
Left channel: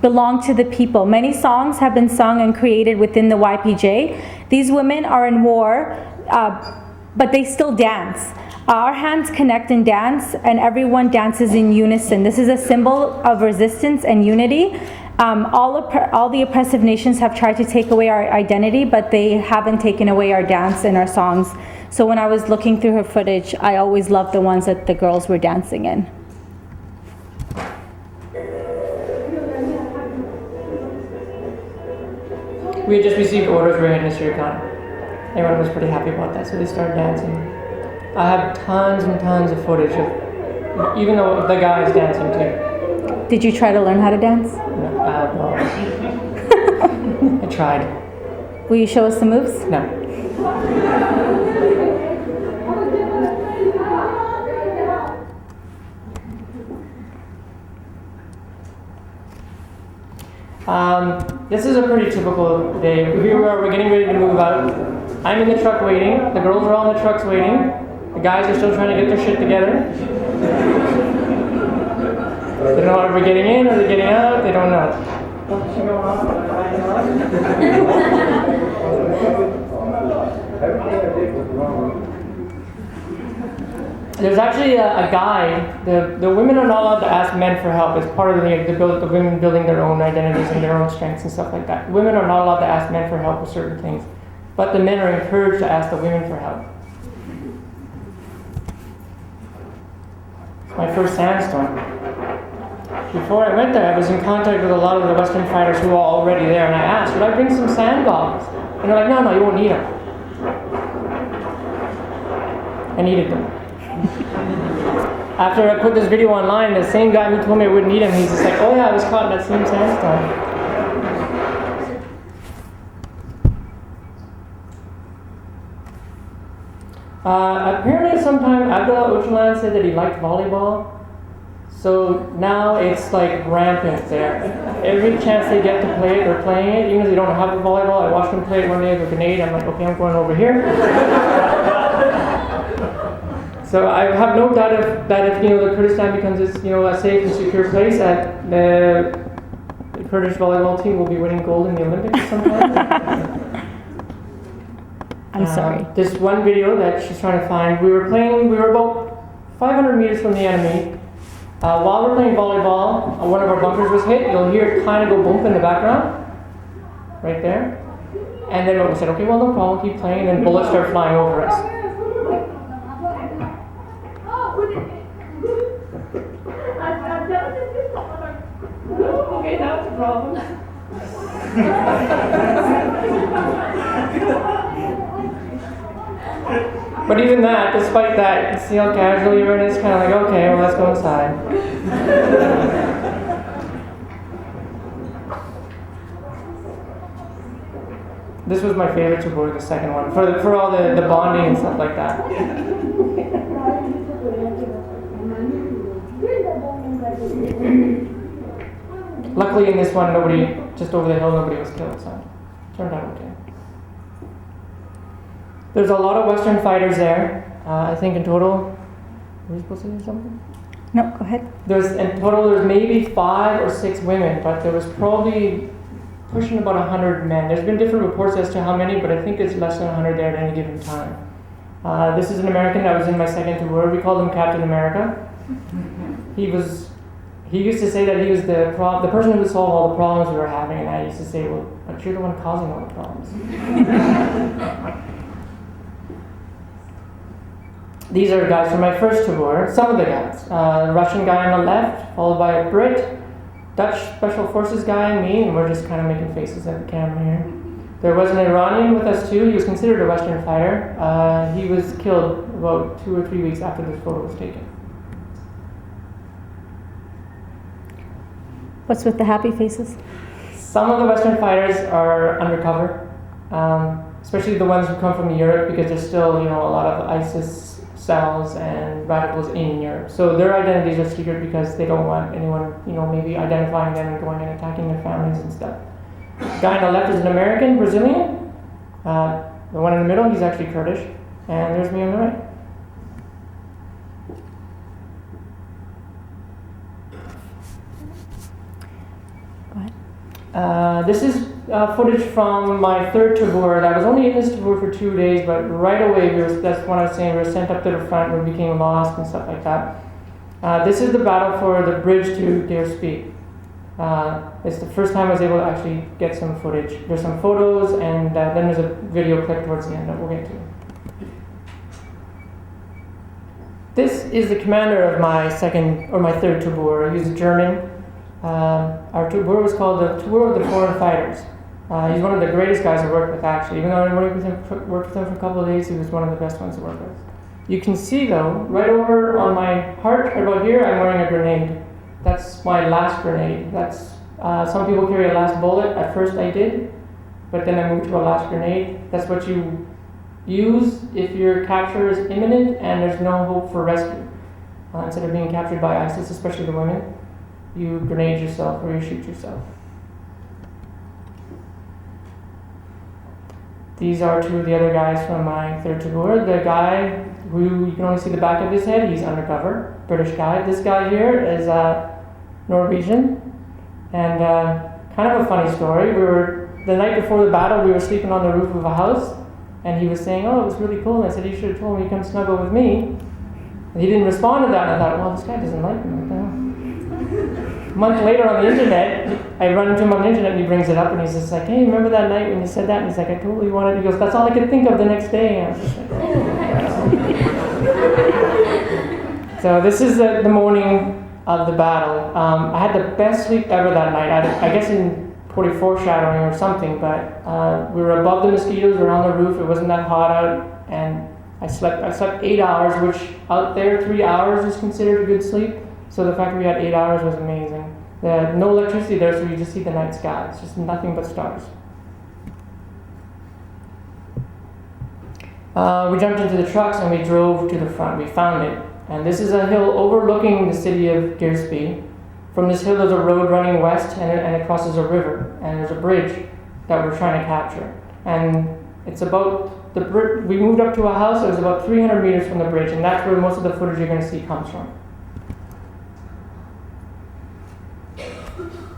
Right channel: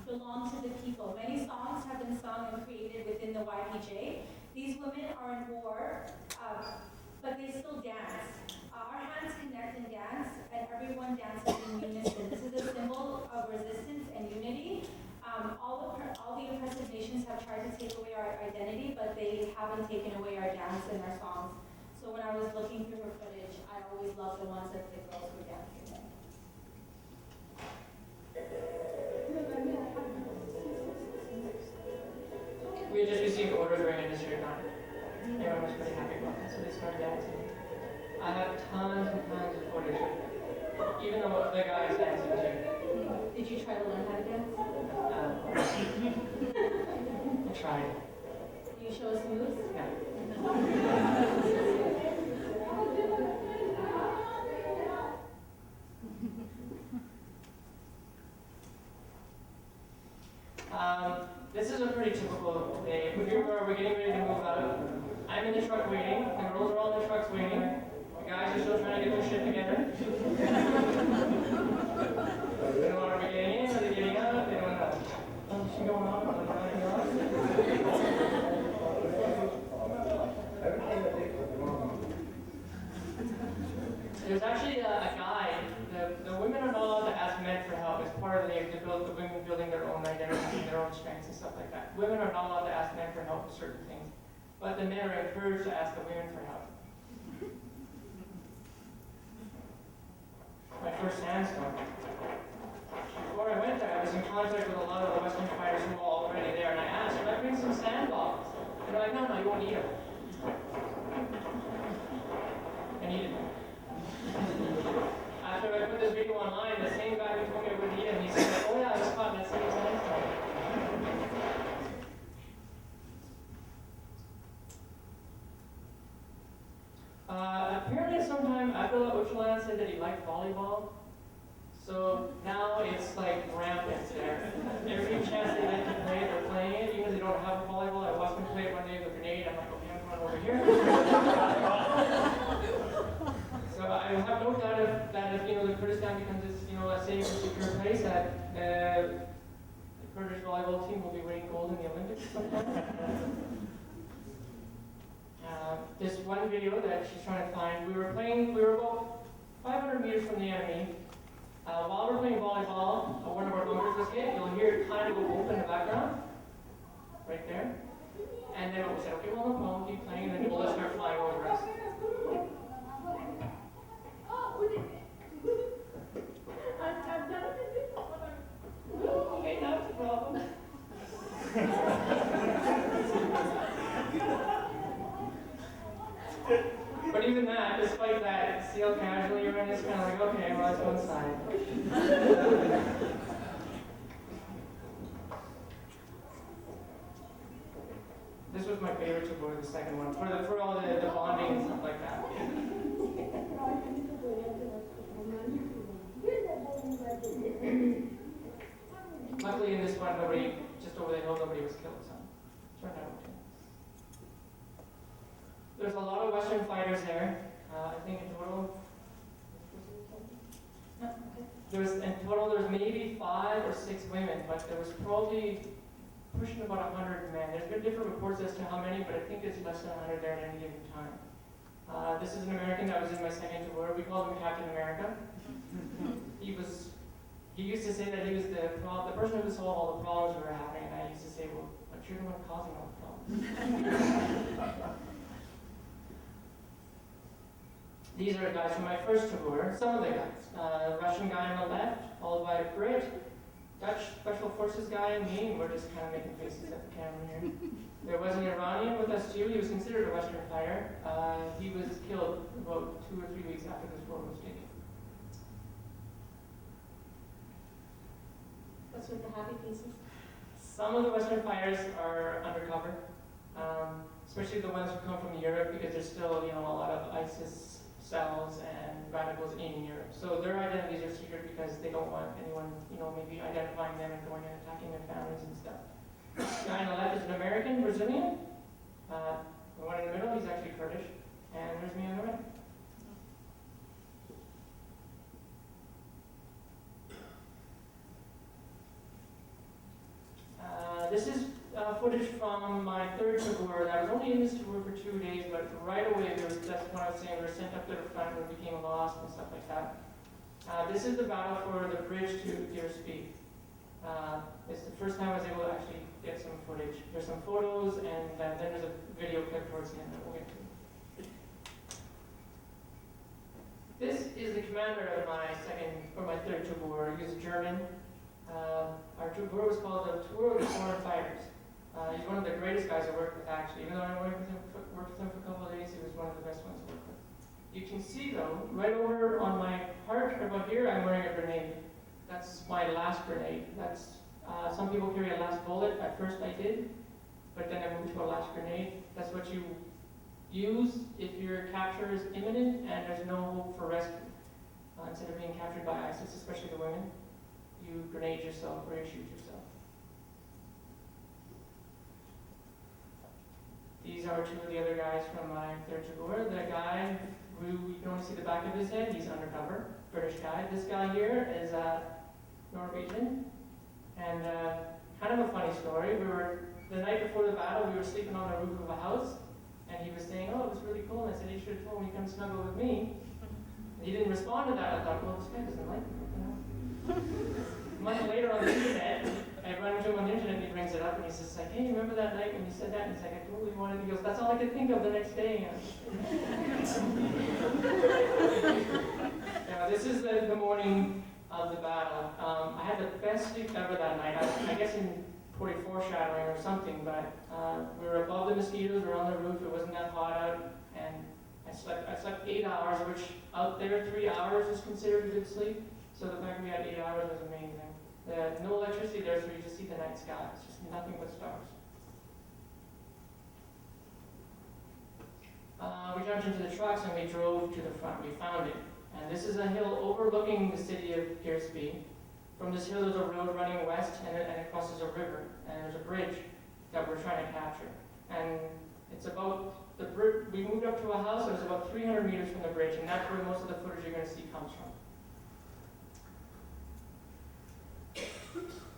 belong to the people. Many songs have been sung and created within the YPJ. These women are in war, but they still dance. Our hands connect and dance, and everyone dances in unison. This is a symbol of resistance and unity. All the oppressive nations have tried to take away our identity, but they haven't taken away our dance and our songs. So when I was looking through her footage, I always loved the ones that the girls were dancing in. We had just received orders, we were heading to Nissy Koye. Everyone was pretty happy about that, so they started dancing. I have tons and tons of footage of, even though the guys dancing too. Did you try to learn how to dance? No. I tried. Will you show us the moves? No. This is a pretty typical day. We're getting ready to move out. I'm in the truck waiting. The girls are all in the trucks waiting. The guys are still trying to get their shit together. They don't know if we're getting in or they're getting out. They don't know. There's actually a guide. The women are not allowed to ask men for help. It's part of the women building their own identities and their own strengths and stuff like that. Women are not allowed to ask men for help with certain things. But the men are encouraged to ask the women for help. My first sandstorm. Before I went there, I was in contact with a lot of the Western fighters who were already there, and I asked, should I bring some sand goggles? And they're like, no, you won't need them. I needed them. After I put this video online, the same guy who told me I wouldn't need him, he's just like, oh yeah, I was caught in that same sandstorm. Apparently sometime Abdullah Öcalan said that he liked volleyball. So now it's like rampant there. Every chance they get to play it, they're playing it. Even if they don't have the volleyball, I watched them play it one day with a grenade. I'm like, okay, I'm going over here. So I have no doubt that if the Kurdistan becomes this, a safe and secure place, that the Kurdish volleyball team will be winning gold in the Olympics sometime. I'm sorry. This one video that she's trying to find, we were about 500 meters from the enemy. While we're playing volleyball, one of our bunkers was hit. You'll hear it kind of go boom in the background, right there. And then we said, okay, well, no problem, keep playing. And then bullets start flying over us. Okay, that's a problem. But even that, despite that, you can see how casual everyone is, kind of like, okay, well, let's go inside. This was my favorite to board, the second one, for all the bonding and stuff like that. Luckily in this one, just over the hill, nobody was killed, so it turned out okay. There's a lot of Western fighters there. I think in total, were you supposed to say something? No, go ahead. In total, there's maybe 5 or 6 women, but there was probably pushing about 100 men. There's been different reports as to how many, but I think it's less than 100 there at any given time. This is an American that was in my second tour. We called him Captain America. He used to say that he was the person who would solve all the problems we were having, and I used to say, well, but you're the one causing all the problems. These are guys from my first tour, some of the guys. The Russian guy on the left, followed by a Brit, Dutch Special Forces guy, and me, and we're just kind of making faces at the camera here. There was an Iranian with us too. He was considered a Western fighter. He was killed about 2 or 3 weeks after this photo was taken. What's with the happy faces? Some of the Western fighters are undercover, especially the ones who come from Europe, because there's still, a lot of ISIS cells and radicals in Europe. So their identities are secret because they don't want anyone, maybe identifying them and going and attacking their families and stuff. The guy on the left is an American, Brazilian. The one in the middle, he's actually Kurdish. And there's me on the right. This is footage from my third tour. I was only in this tour for 2 days, but right away, that's what I was saying, we were sent up to the front, we became lost and stuff like that. This is the battle for the bridge to Deer Speak. It's the first time I was able to actually get some footage. There's some photos, and then there's a video clip towards the end that we'll get to. This is the commander of my third tour. He's a German. Our tour was called the Tour of the Foreign Fighters. He's one of the greatest guys I worked with, actually. Even though I worked with him for a couple of days, he was one of the best ones to work with. You can see, though, right over on my heart, right about here, I'm wearing a grenade. That's my last grenade. That's some people carry a last bullet. At first I did, but then I moved to a last grenade. That's what you use if your capture is imminent and there's no hope for rescue. Instead of being captured by ISIS, especially the women, you grenade yourself or you shoot yourself. These are two of the other guys from my third tour. The guy who you can only see the back of his head, he's undercover, British guy. This guy here is Norwegian, and kind of a funny story. The night before the battle, we were sleeping on the roof of a house, and he was saying, "Oh, it was really cool." And I said, "You should have told me to come snuggle with me." And he didn't respond to that, and I thought, well, this guy doesn't like me. What the hell? A month later on the internet, I run into him on the internet and he brings it up and he's just like, "Hey, remember that night when you said that?" And he's like, "I totally wanted." He goes, "That's all I could think of the next day." And I was just like, oh. So this is the morning of the battle. I had the best sleep ever that night. I guess in probably foreshadowing or something, but we were above the mosquitoes, we were on the roof, it wasn't that hot out, and I slept 8 hours, which out there 3 hours is considered a good sleep. So the fact that we had 8 hours was amazing. No electricity there, so you just see the night sky. It's just nothing but stars. We jumped into the trucks and we drove to the front. We found it. And this is a hill overlooking the city of Girsby. From this hill there's a road running west and it crosses a river. And there's a bridge that we're trying to capture. And it's about we moved up to a house that was about 300 meters from the bridge, and that's where most of the footage you're going to see comes from.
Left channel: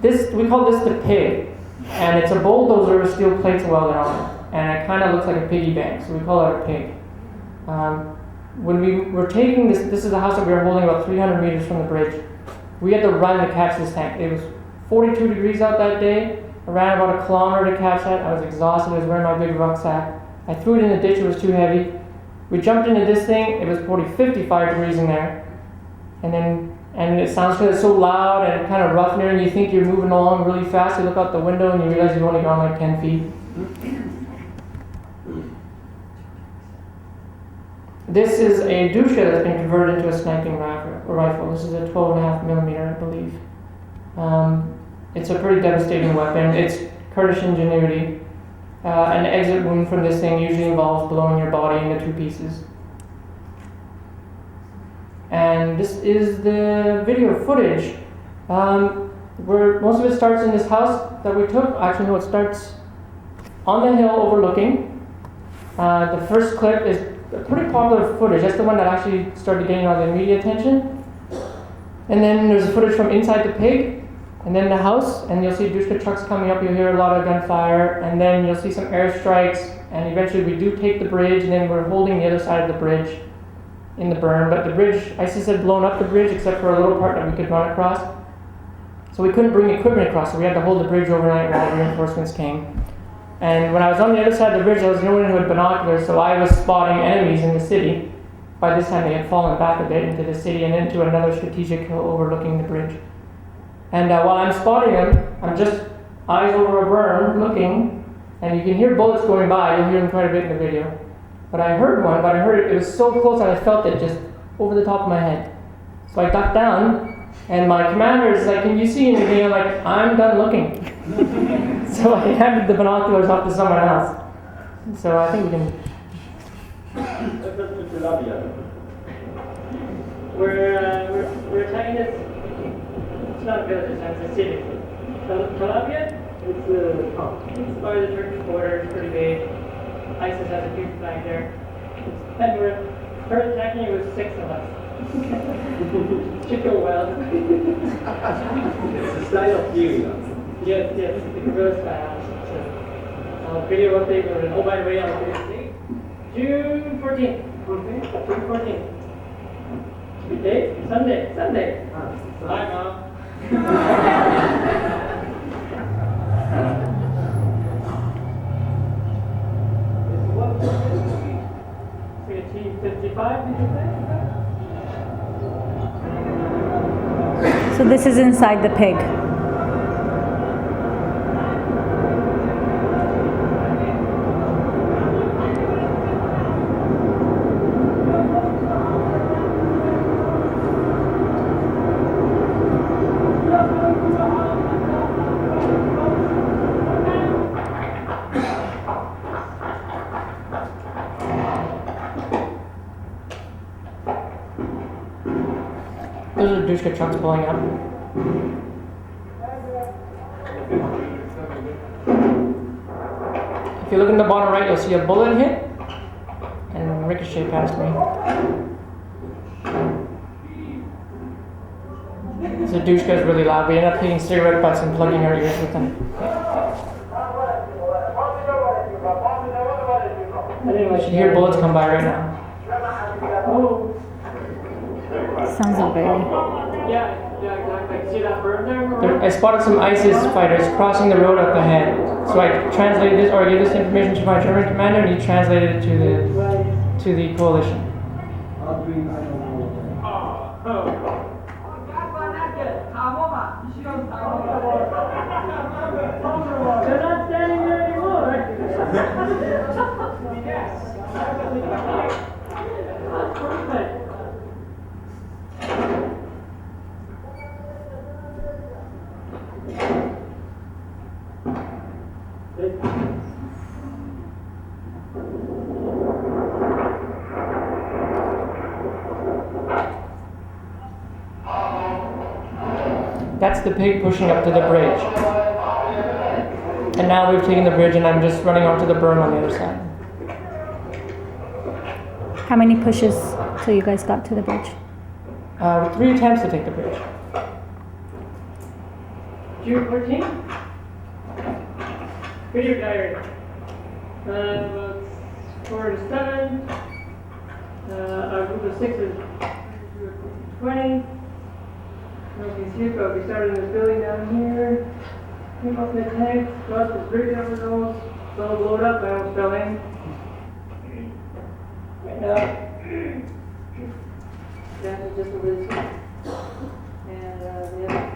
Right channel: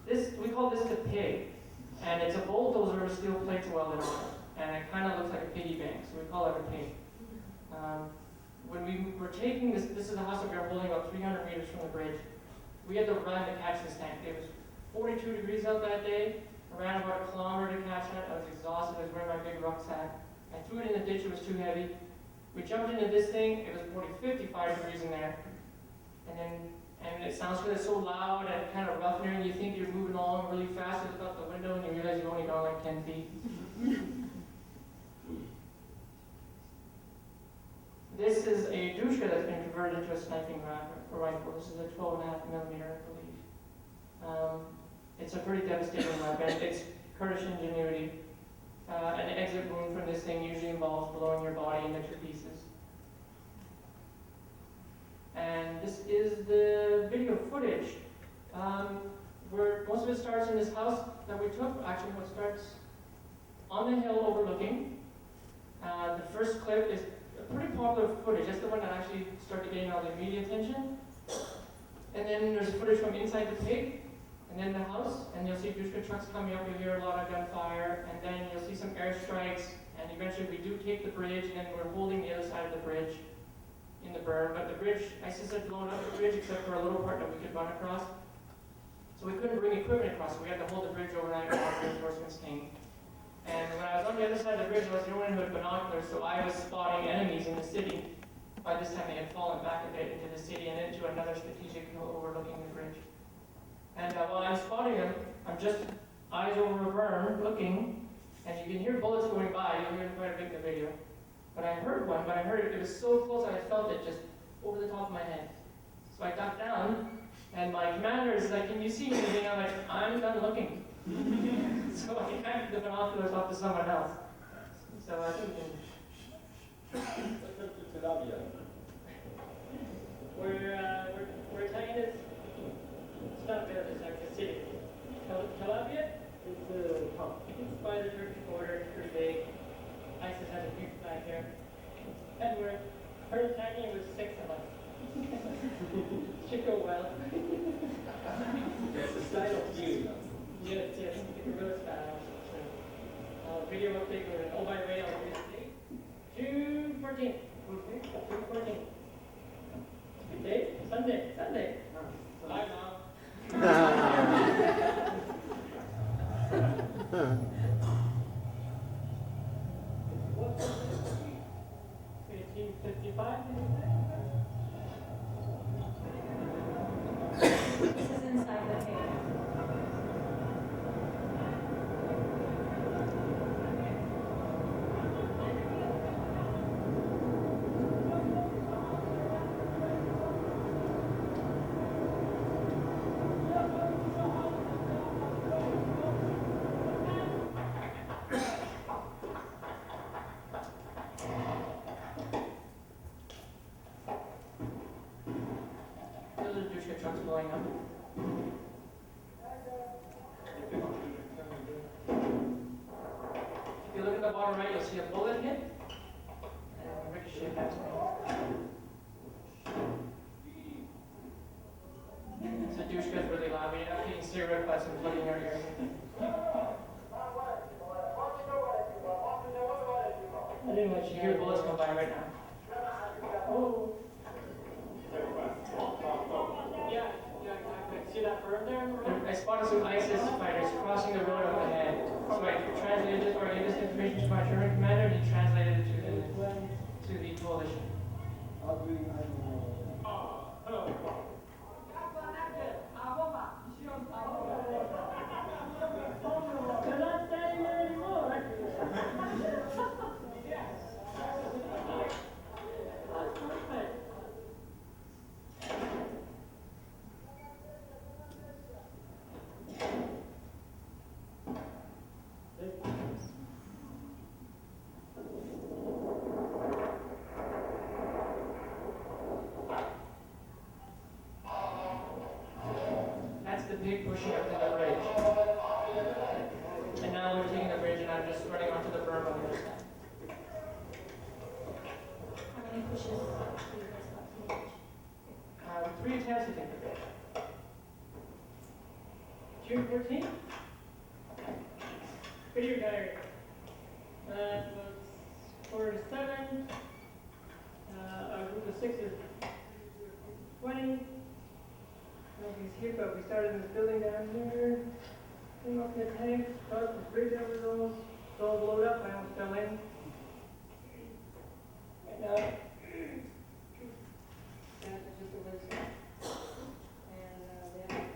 We call this the pig, and it's a bulldozer with steel plates welded on it, and it kind of looks like a piggy bank, so we call it a pig. When we were taking this is a house that we were holding about 300 meters from the bridge. We had to run to catch this tank. It was 42 degrees out that day. I ran about 1 kilometer to catch that. I was exhausted. I was wearing my big rucksack. I threw it in the ditch. It was too heavy. We jumped into this thing. It was probably 55 degrees in there, and it sounds so loud and kind of rough in there, and you think you're moving along really fast. You look out the window and you realize you've only gone like 10 feet. This is a dusha that's been converted into a sniping rifle. This is a 12.5 millimeter, I believe. It's a pretty devastating weapon. It's Kurdish ingenuity. An exit wound from this thing usually involves blowing your body into 2 pieces. And this is the video footage. Where most of it starts in this house that we took. Actually, no, it starts on the hill overlooking. The first clip is pretty popular footage. That's the one that actually started getting all the media attention. And then there's footage from inside the pig, and then the house, and you'll see Dushka trucks coming up. You'll hear a lot of gunfire, and then you'll see some airstrikes. And eventually, we do take the bridge, and then we're holding the other side of the bridge in the berm. But the bridge, ISIS had blown up the bridge except for a little part that we could run across. So we couldn't bring equipment across, so we had to hold the bridge overnight while reinforcements came. And when I was on the other side of the bridge, there was no one who had binoculars, so I was spotting enemies in the city. By this time, they had fallen back a bit into the city and into another strategic hill overlooking the bridge. And while I'm spotting them, I'm just eyes over a berm looking, and you can hear bullets going by. You'll hear them quite a bit in the video. But I heard one, but I heard it was so close that I felt it just over the top of my head. So I ducked down, and my commander is like, "Can you see anything?" I'm like, "I'm done looking." So I handed the binoculars off to someone else. So I think we can. We're attacking this. It's not a village, it's a city. Calabria? It's by the Turkish border. It's pretty big. ISIS has a huge flag there. And we're first attacking it with 6 of us. Should go well. It's a style of you. Yes, the guerrilla style. So, video update. Oh, by the way, I'll video update. June 14th. June 14th. Good day? Sunday. Bye, Mom. 55, did you say? So this is inside the pig. Those are Dushka trucks pulling up. If you look in the bottom right, you'll see a bullet hit and ricochet past me. So Dushka is really loud. We end up hitting cigarette butts and plugging our ears with them. You should hear bullets come by right now. Oh. Sounds like very. Yeah, exactly. See that bird there? I spotted some ISIS fighters crossing the road up ahead. So I translated this, or I gave this information to my German commander, and he translated it to the coalition. They're not standing there anymore. That's perfect. That's the pig pushing up to the bridge. And now we've taken the bridge and I'm just running onto the berm on the other side. How many pushes till you guys got to the bridge? 3 attempts to take the bridge. June 14th? Video diary. About 4 to 7. Our group of 6 is 20. We started in this building down here. Came up the tank, crossed the bridge over those. Don't blow it up, I almost fell in. Right now. That is just over this one. And yeah,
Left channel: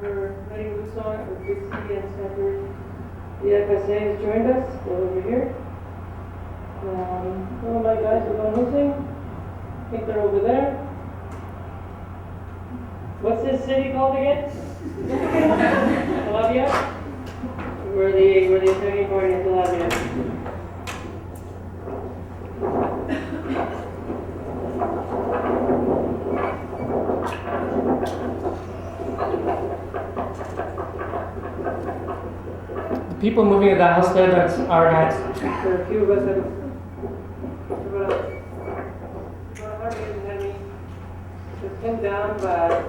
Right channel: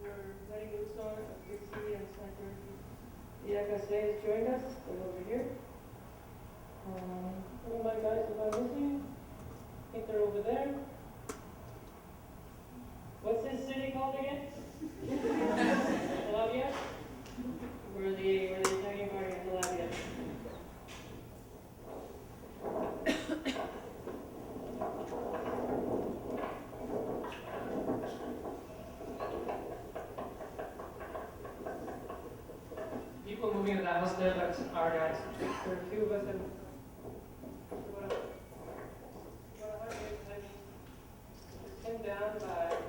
over letting loose on it with Big C and Center. The FSA has joined us. They're over here. Some of my guys are going missing. I think they're over there. What's this city called again? Calabria? We're the attacking party in Calabria. The people moving at the house there, that's our guys. There are a few of us that about 100 enemies. Just pinned down by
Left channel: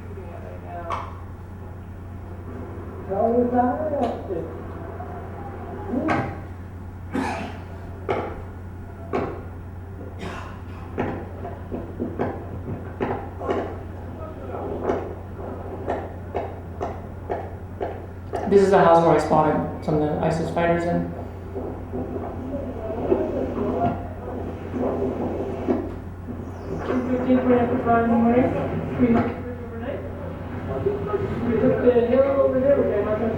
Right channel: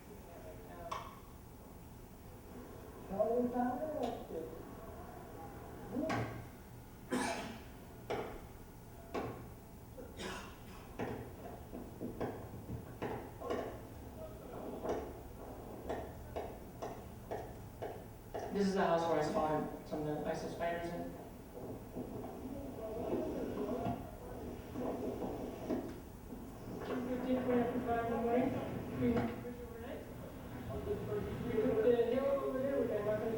shooting at right now. This is the house where I spotted some of the ISIS fighters in. In the morning. We overnight. We took the hill over there. We got nothing.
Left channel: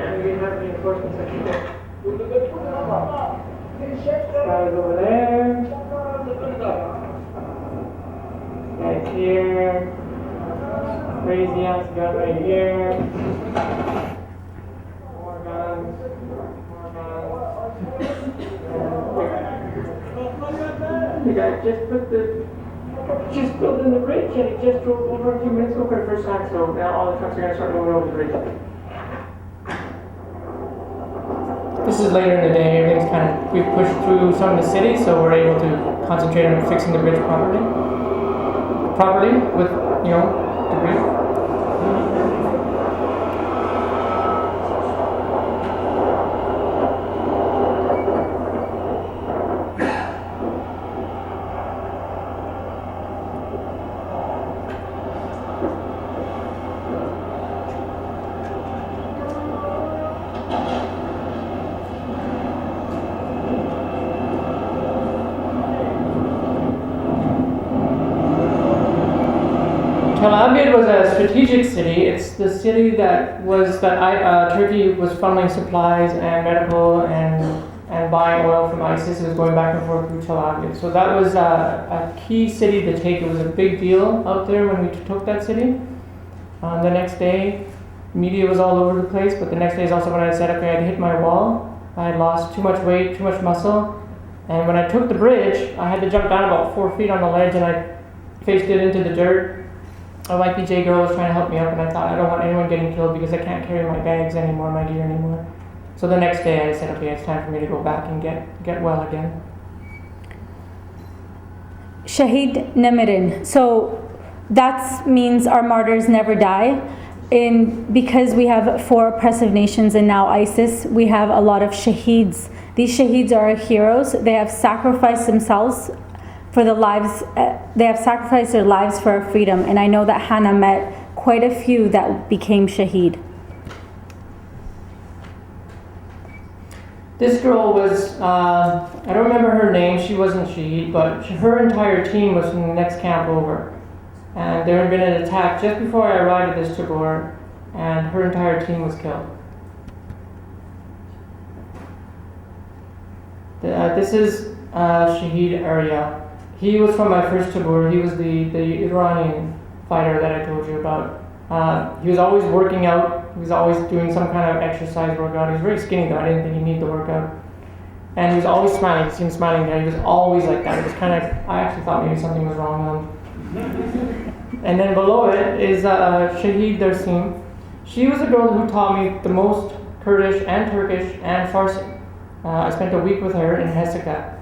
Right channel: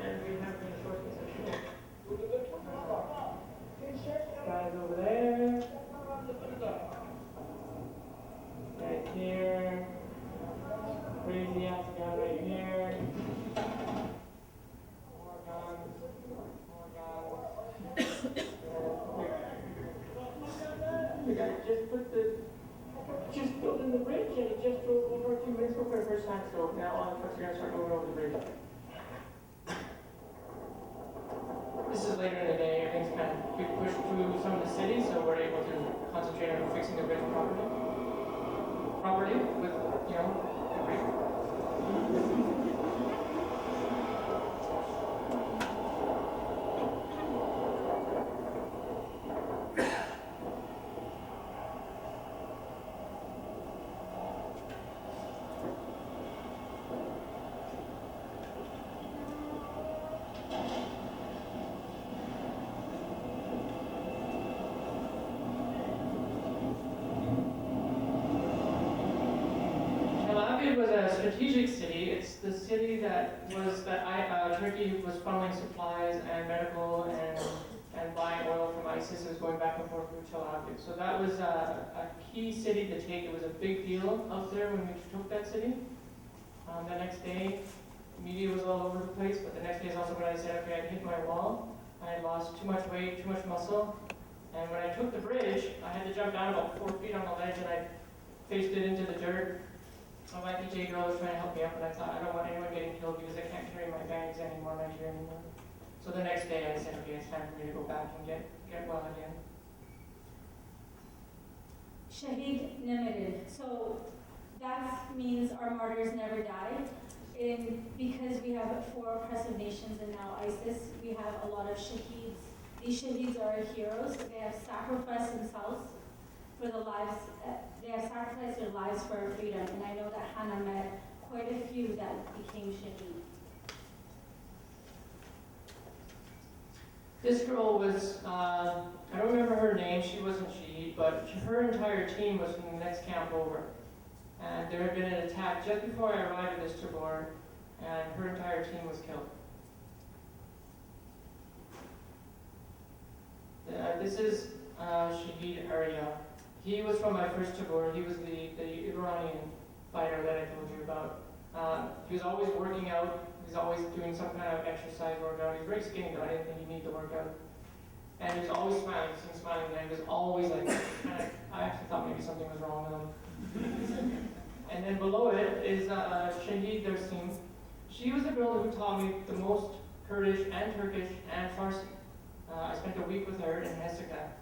And we have reinforcement section there. Guys over there. Guys here. Crazy ass gun right here. More guns. More guns. The guy just built in the bridge and he just drove over a few minutes ago for the first time, so now all the trucks are going to start moving over the bridge. This is later in the day, everything's we've pushed through some of the city, so we're able to concentrate on fixing the bridge properly with, debris. Tel Aviv was a strategic city. It's the city that Turkey was funneling supplies and medical and buying oil from ISIS. It was going back and forth through Tel Aviv. So that was a key city to take. It was a big deal out there when we took that city. The next day, media was all over the place, but the next day is also when I said, okay, I'd hit my wall. I had lost too much weight, too much muscle, And when I took the bridge, I had to jump down about 4 feet on the ledge, and I faced it into the dirt. A YPJ girl was trying to help me up, and I thought, I don't want anyone getting killed because I can't carry my bags anymore, my gear anymore. So the next day I said, okay, it's time for me to go back and get well again. Shahid Namirin. So that means our martyrs never die. Because we have 4 oppressive nations and now ISIS, we have a lot of shaheeds. These shaheeds are our heroes. They have sacrificed themselves for the lives, they have sacrificed their lives for our freedom. And I know that Hanna met quite a few that became shaheed. This girl was, I don't remember her name, she wasn't shaheed, but her entire team was from the next camp over. And there had been an attack just before I arrived at this tabor, and her entire team was killed. This is Shahid Arya. He was from my first tabor. He was the Iranian fighter that I told you about. He was always working out. He was always doing some kind of exercise workout. He was very skinny though. I didn't think he needed to work out. And he was always smiling. You see him smiling there. He was always like that. It was kind of, I actually thought maybe something was wrong with him. And then below it is Shahid Darsim. She was the girl who taught me the most Kurdish and Turkish and Farsi. I spent a week with her in Hesika.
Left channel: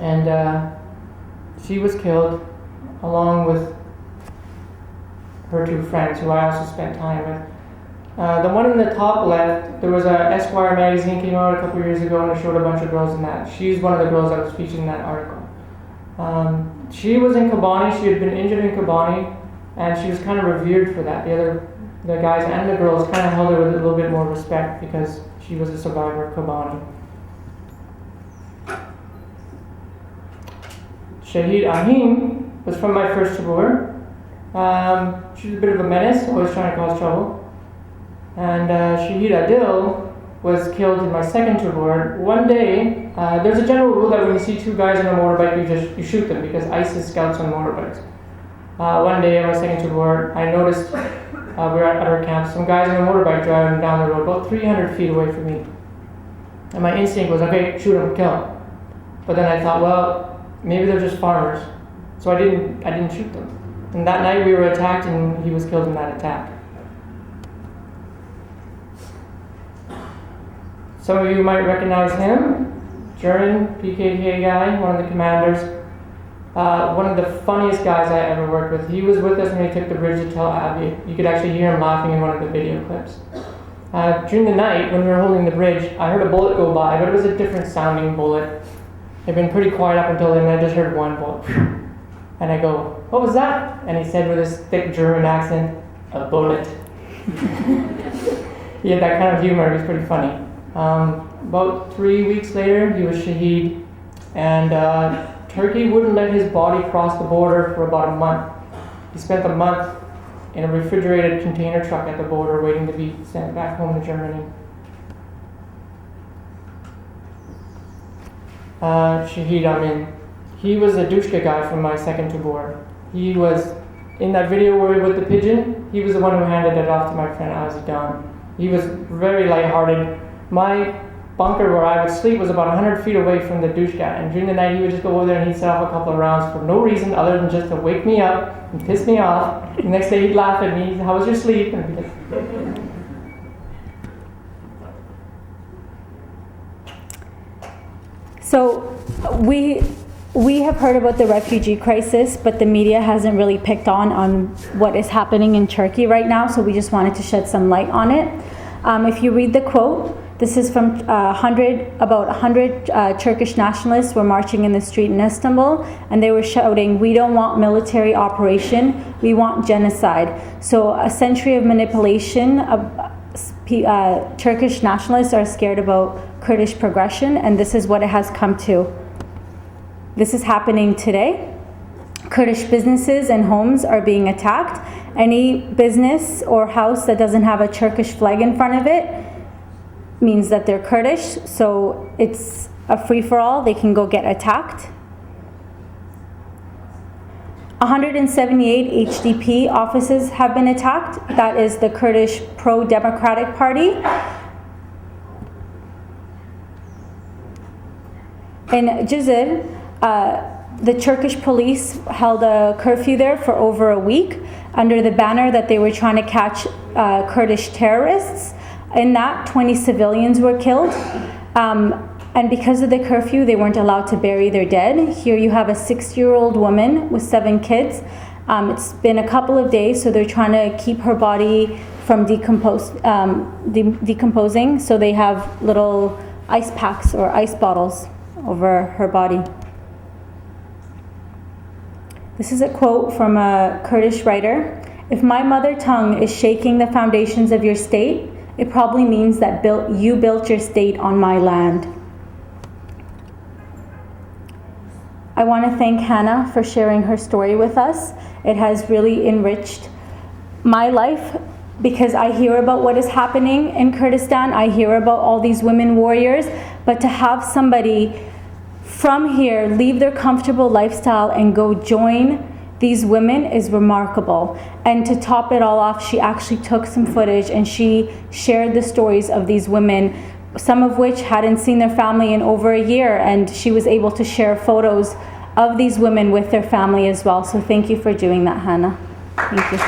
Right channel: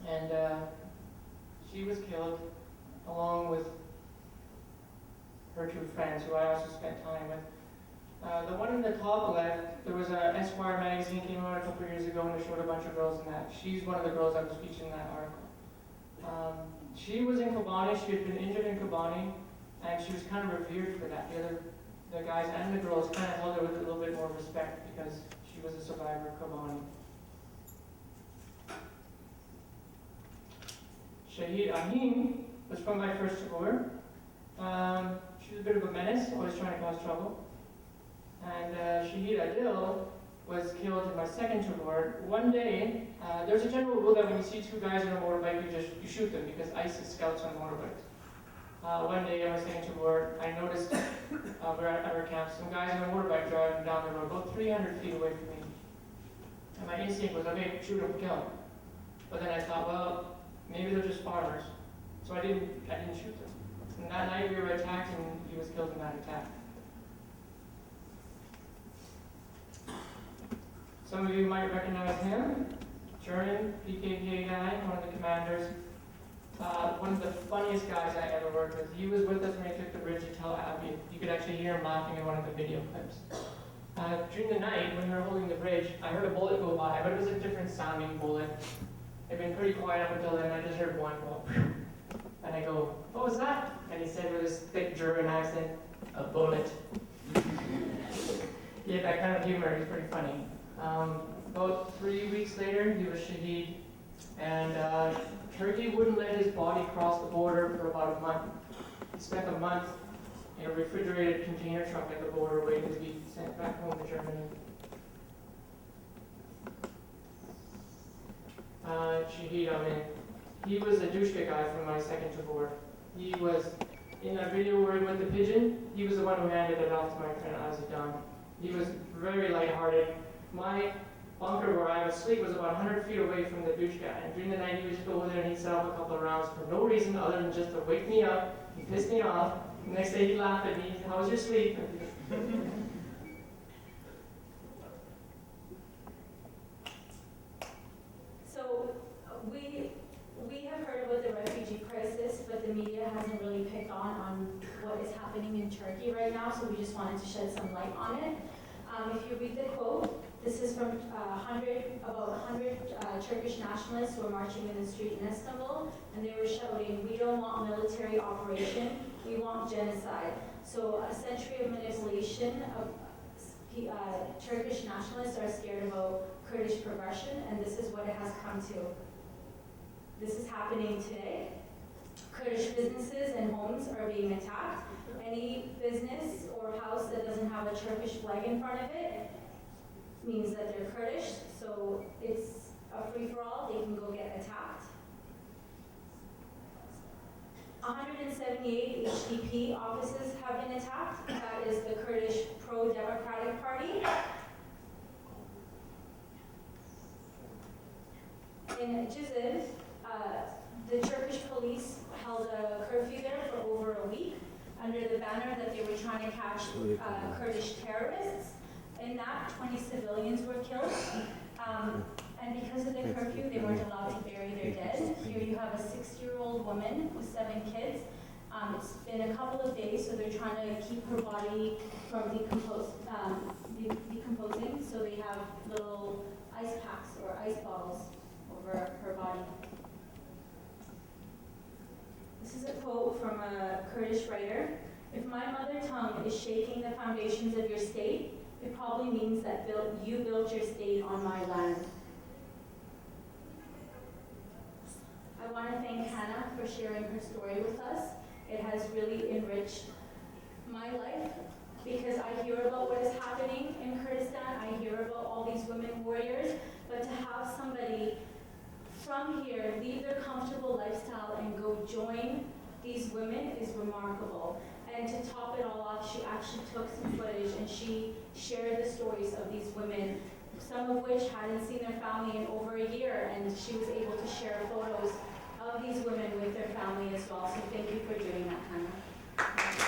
And she was killed along with her 2 friends who I also spent time with. The one in the top left, there was a Esquire magazine came out a couple years ago and I showed a bunch of girls in that. She's one of the girls that was featured in that article. She was in Kobane. She had been injured in Kobane, and she was kind of revered for that. The guys and the girls kind of held her with a little bit more respect because she was a survivor of Kobane. Shahid Ahim was from my first tabor. She was a bit of a menace, always trying to cause trouble. And Shahid Adil was killed in my second tabor. One day, there's a general rule that when you see 2 guys on a motorbike, you shoot them because ISIS scouts on motorbikes. One day at my second tabor, I noticed we were at our camp, some guys on a motorbike driving down the road about 300 feet away from me. And my instinct was, okay, shoot them, kill them. But then I thought, well, maybe they're just farmers. So I didn't shoot them. And that night we were attacked and he was killed in that attack. Some of you might recognize him. German PKK guy, one of the commanders. One of the funniest guys I ever worked with. He was with us when we took the bridge to Tel Aviv. You could actually hear him laughing in one of the video clips. During the night, when we were holding the bridge, I heard a bullet go by, but it was a different sounding bullet. It had been pretty quiet up until then, and I just heard one bullet. And I go, what was that? And he said with his thick German accent, a bullet. He had that kind of humor, it was pretty funny. About 3 weeks later, he was shaheed, and Turkey wouldn't let his body cross the border for about a month. He spent a month in a refrigerated container truck at the border waiting to be sent back home to Germany. Shahid Amin. He was a Dushka guy from my second tabor. He was, in that video where we were with the pigeon, he was the one who handed it off to my friend Azidan. He was very lighthearted. My bunker where I would sleep was about 100 feet away from the Dushka, and during the night he would just go over there and he'd set off a couple of rounds for no reason other than just to wake me up and piss me off. The next day he'd laugh at me, how was your sleep? And I'd be like, So we have heard about the refugee crisis, but the media hasn't really picked on what is happening in Turkey right now, so we just wanted to shed some light on it. If you read the quote, this is from about 100 Turkish nationalists were marching in the street in Istanbul, and they were shouting, "We don't want military operation, we want genocide." So a century of manipulation of Turkish nationalists are scared about Kurdish progression, and this is what it has come to. This is happening today. Kurdish businesses and homes are being attacked. Any business or house that doesn't have a Turkish flag in front of it means that they're Kurdish, so it's a free-for-all. They can go get attacked. 178 HDP offices have been attacked. That is the Kurdish pro-democratic party. In Cizre, the Turkish police held a curfew there for over a week under the banner that they were trying to catch Kurdish terrorists. In that, 20 civilians were killed. And because of the curfew, they weren't allowed to bury their dead. Here you have a 6-year-old woman with 7 kids. It's been a couple of days, so they're trying to keep her body from decomposing. So they have little ice packs or ice bottles over her body. This is a quote from a Kurdish writer. "If my mother tongue is shaking the foundations of your state, it probably means that you built your state on my land." I want to thank Hanna for sharing her story with us. It has really enriched my life because I hear about what is happening in Kurdistan. I hear about all these women warriors, but to have somebody from here leave their comfortable lifestyle and go join these women is remarkable. And to top it all off, she actually took some footage and she shared the stories of these women, some of which hadn't seen their family in over a year, and she was able to share photos of these women with their family as well. So thank you for doing that, Hanna. Thank you.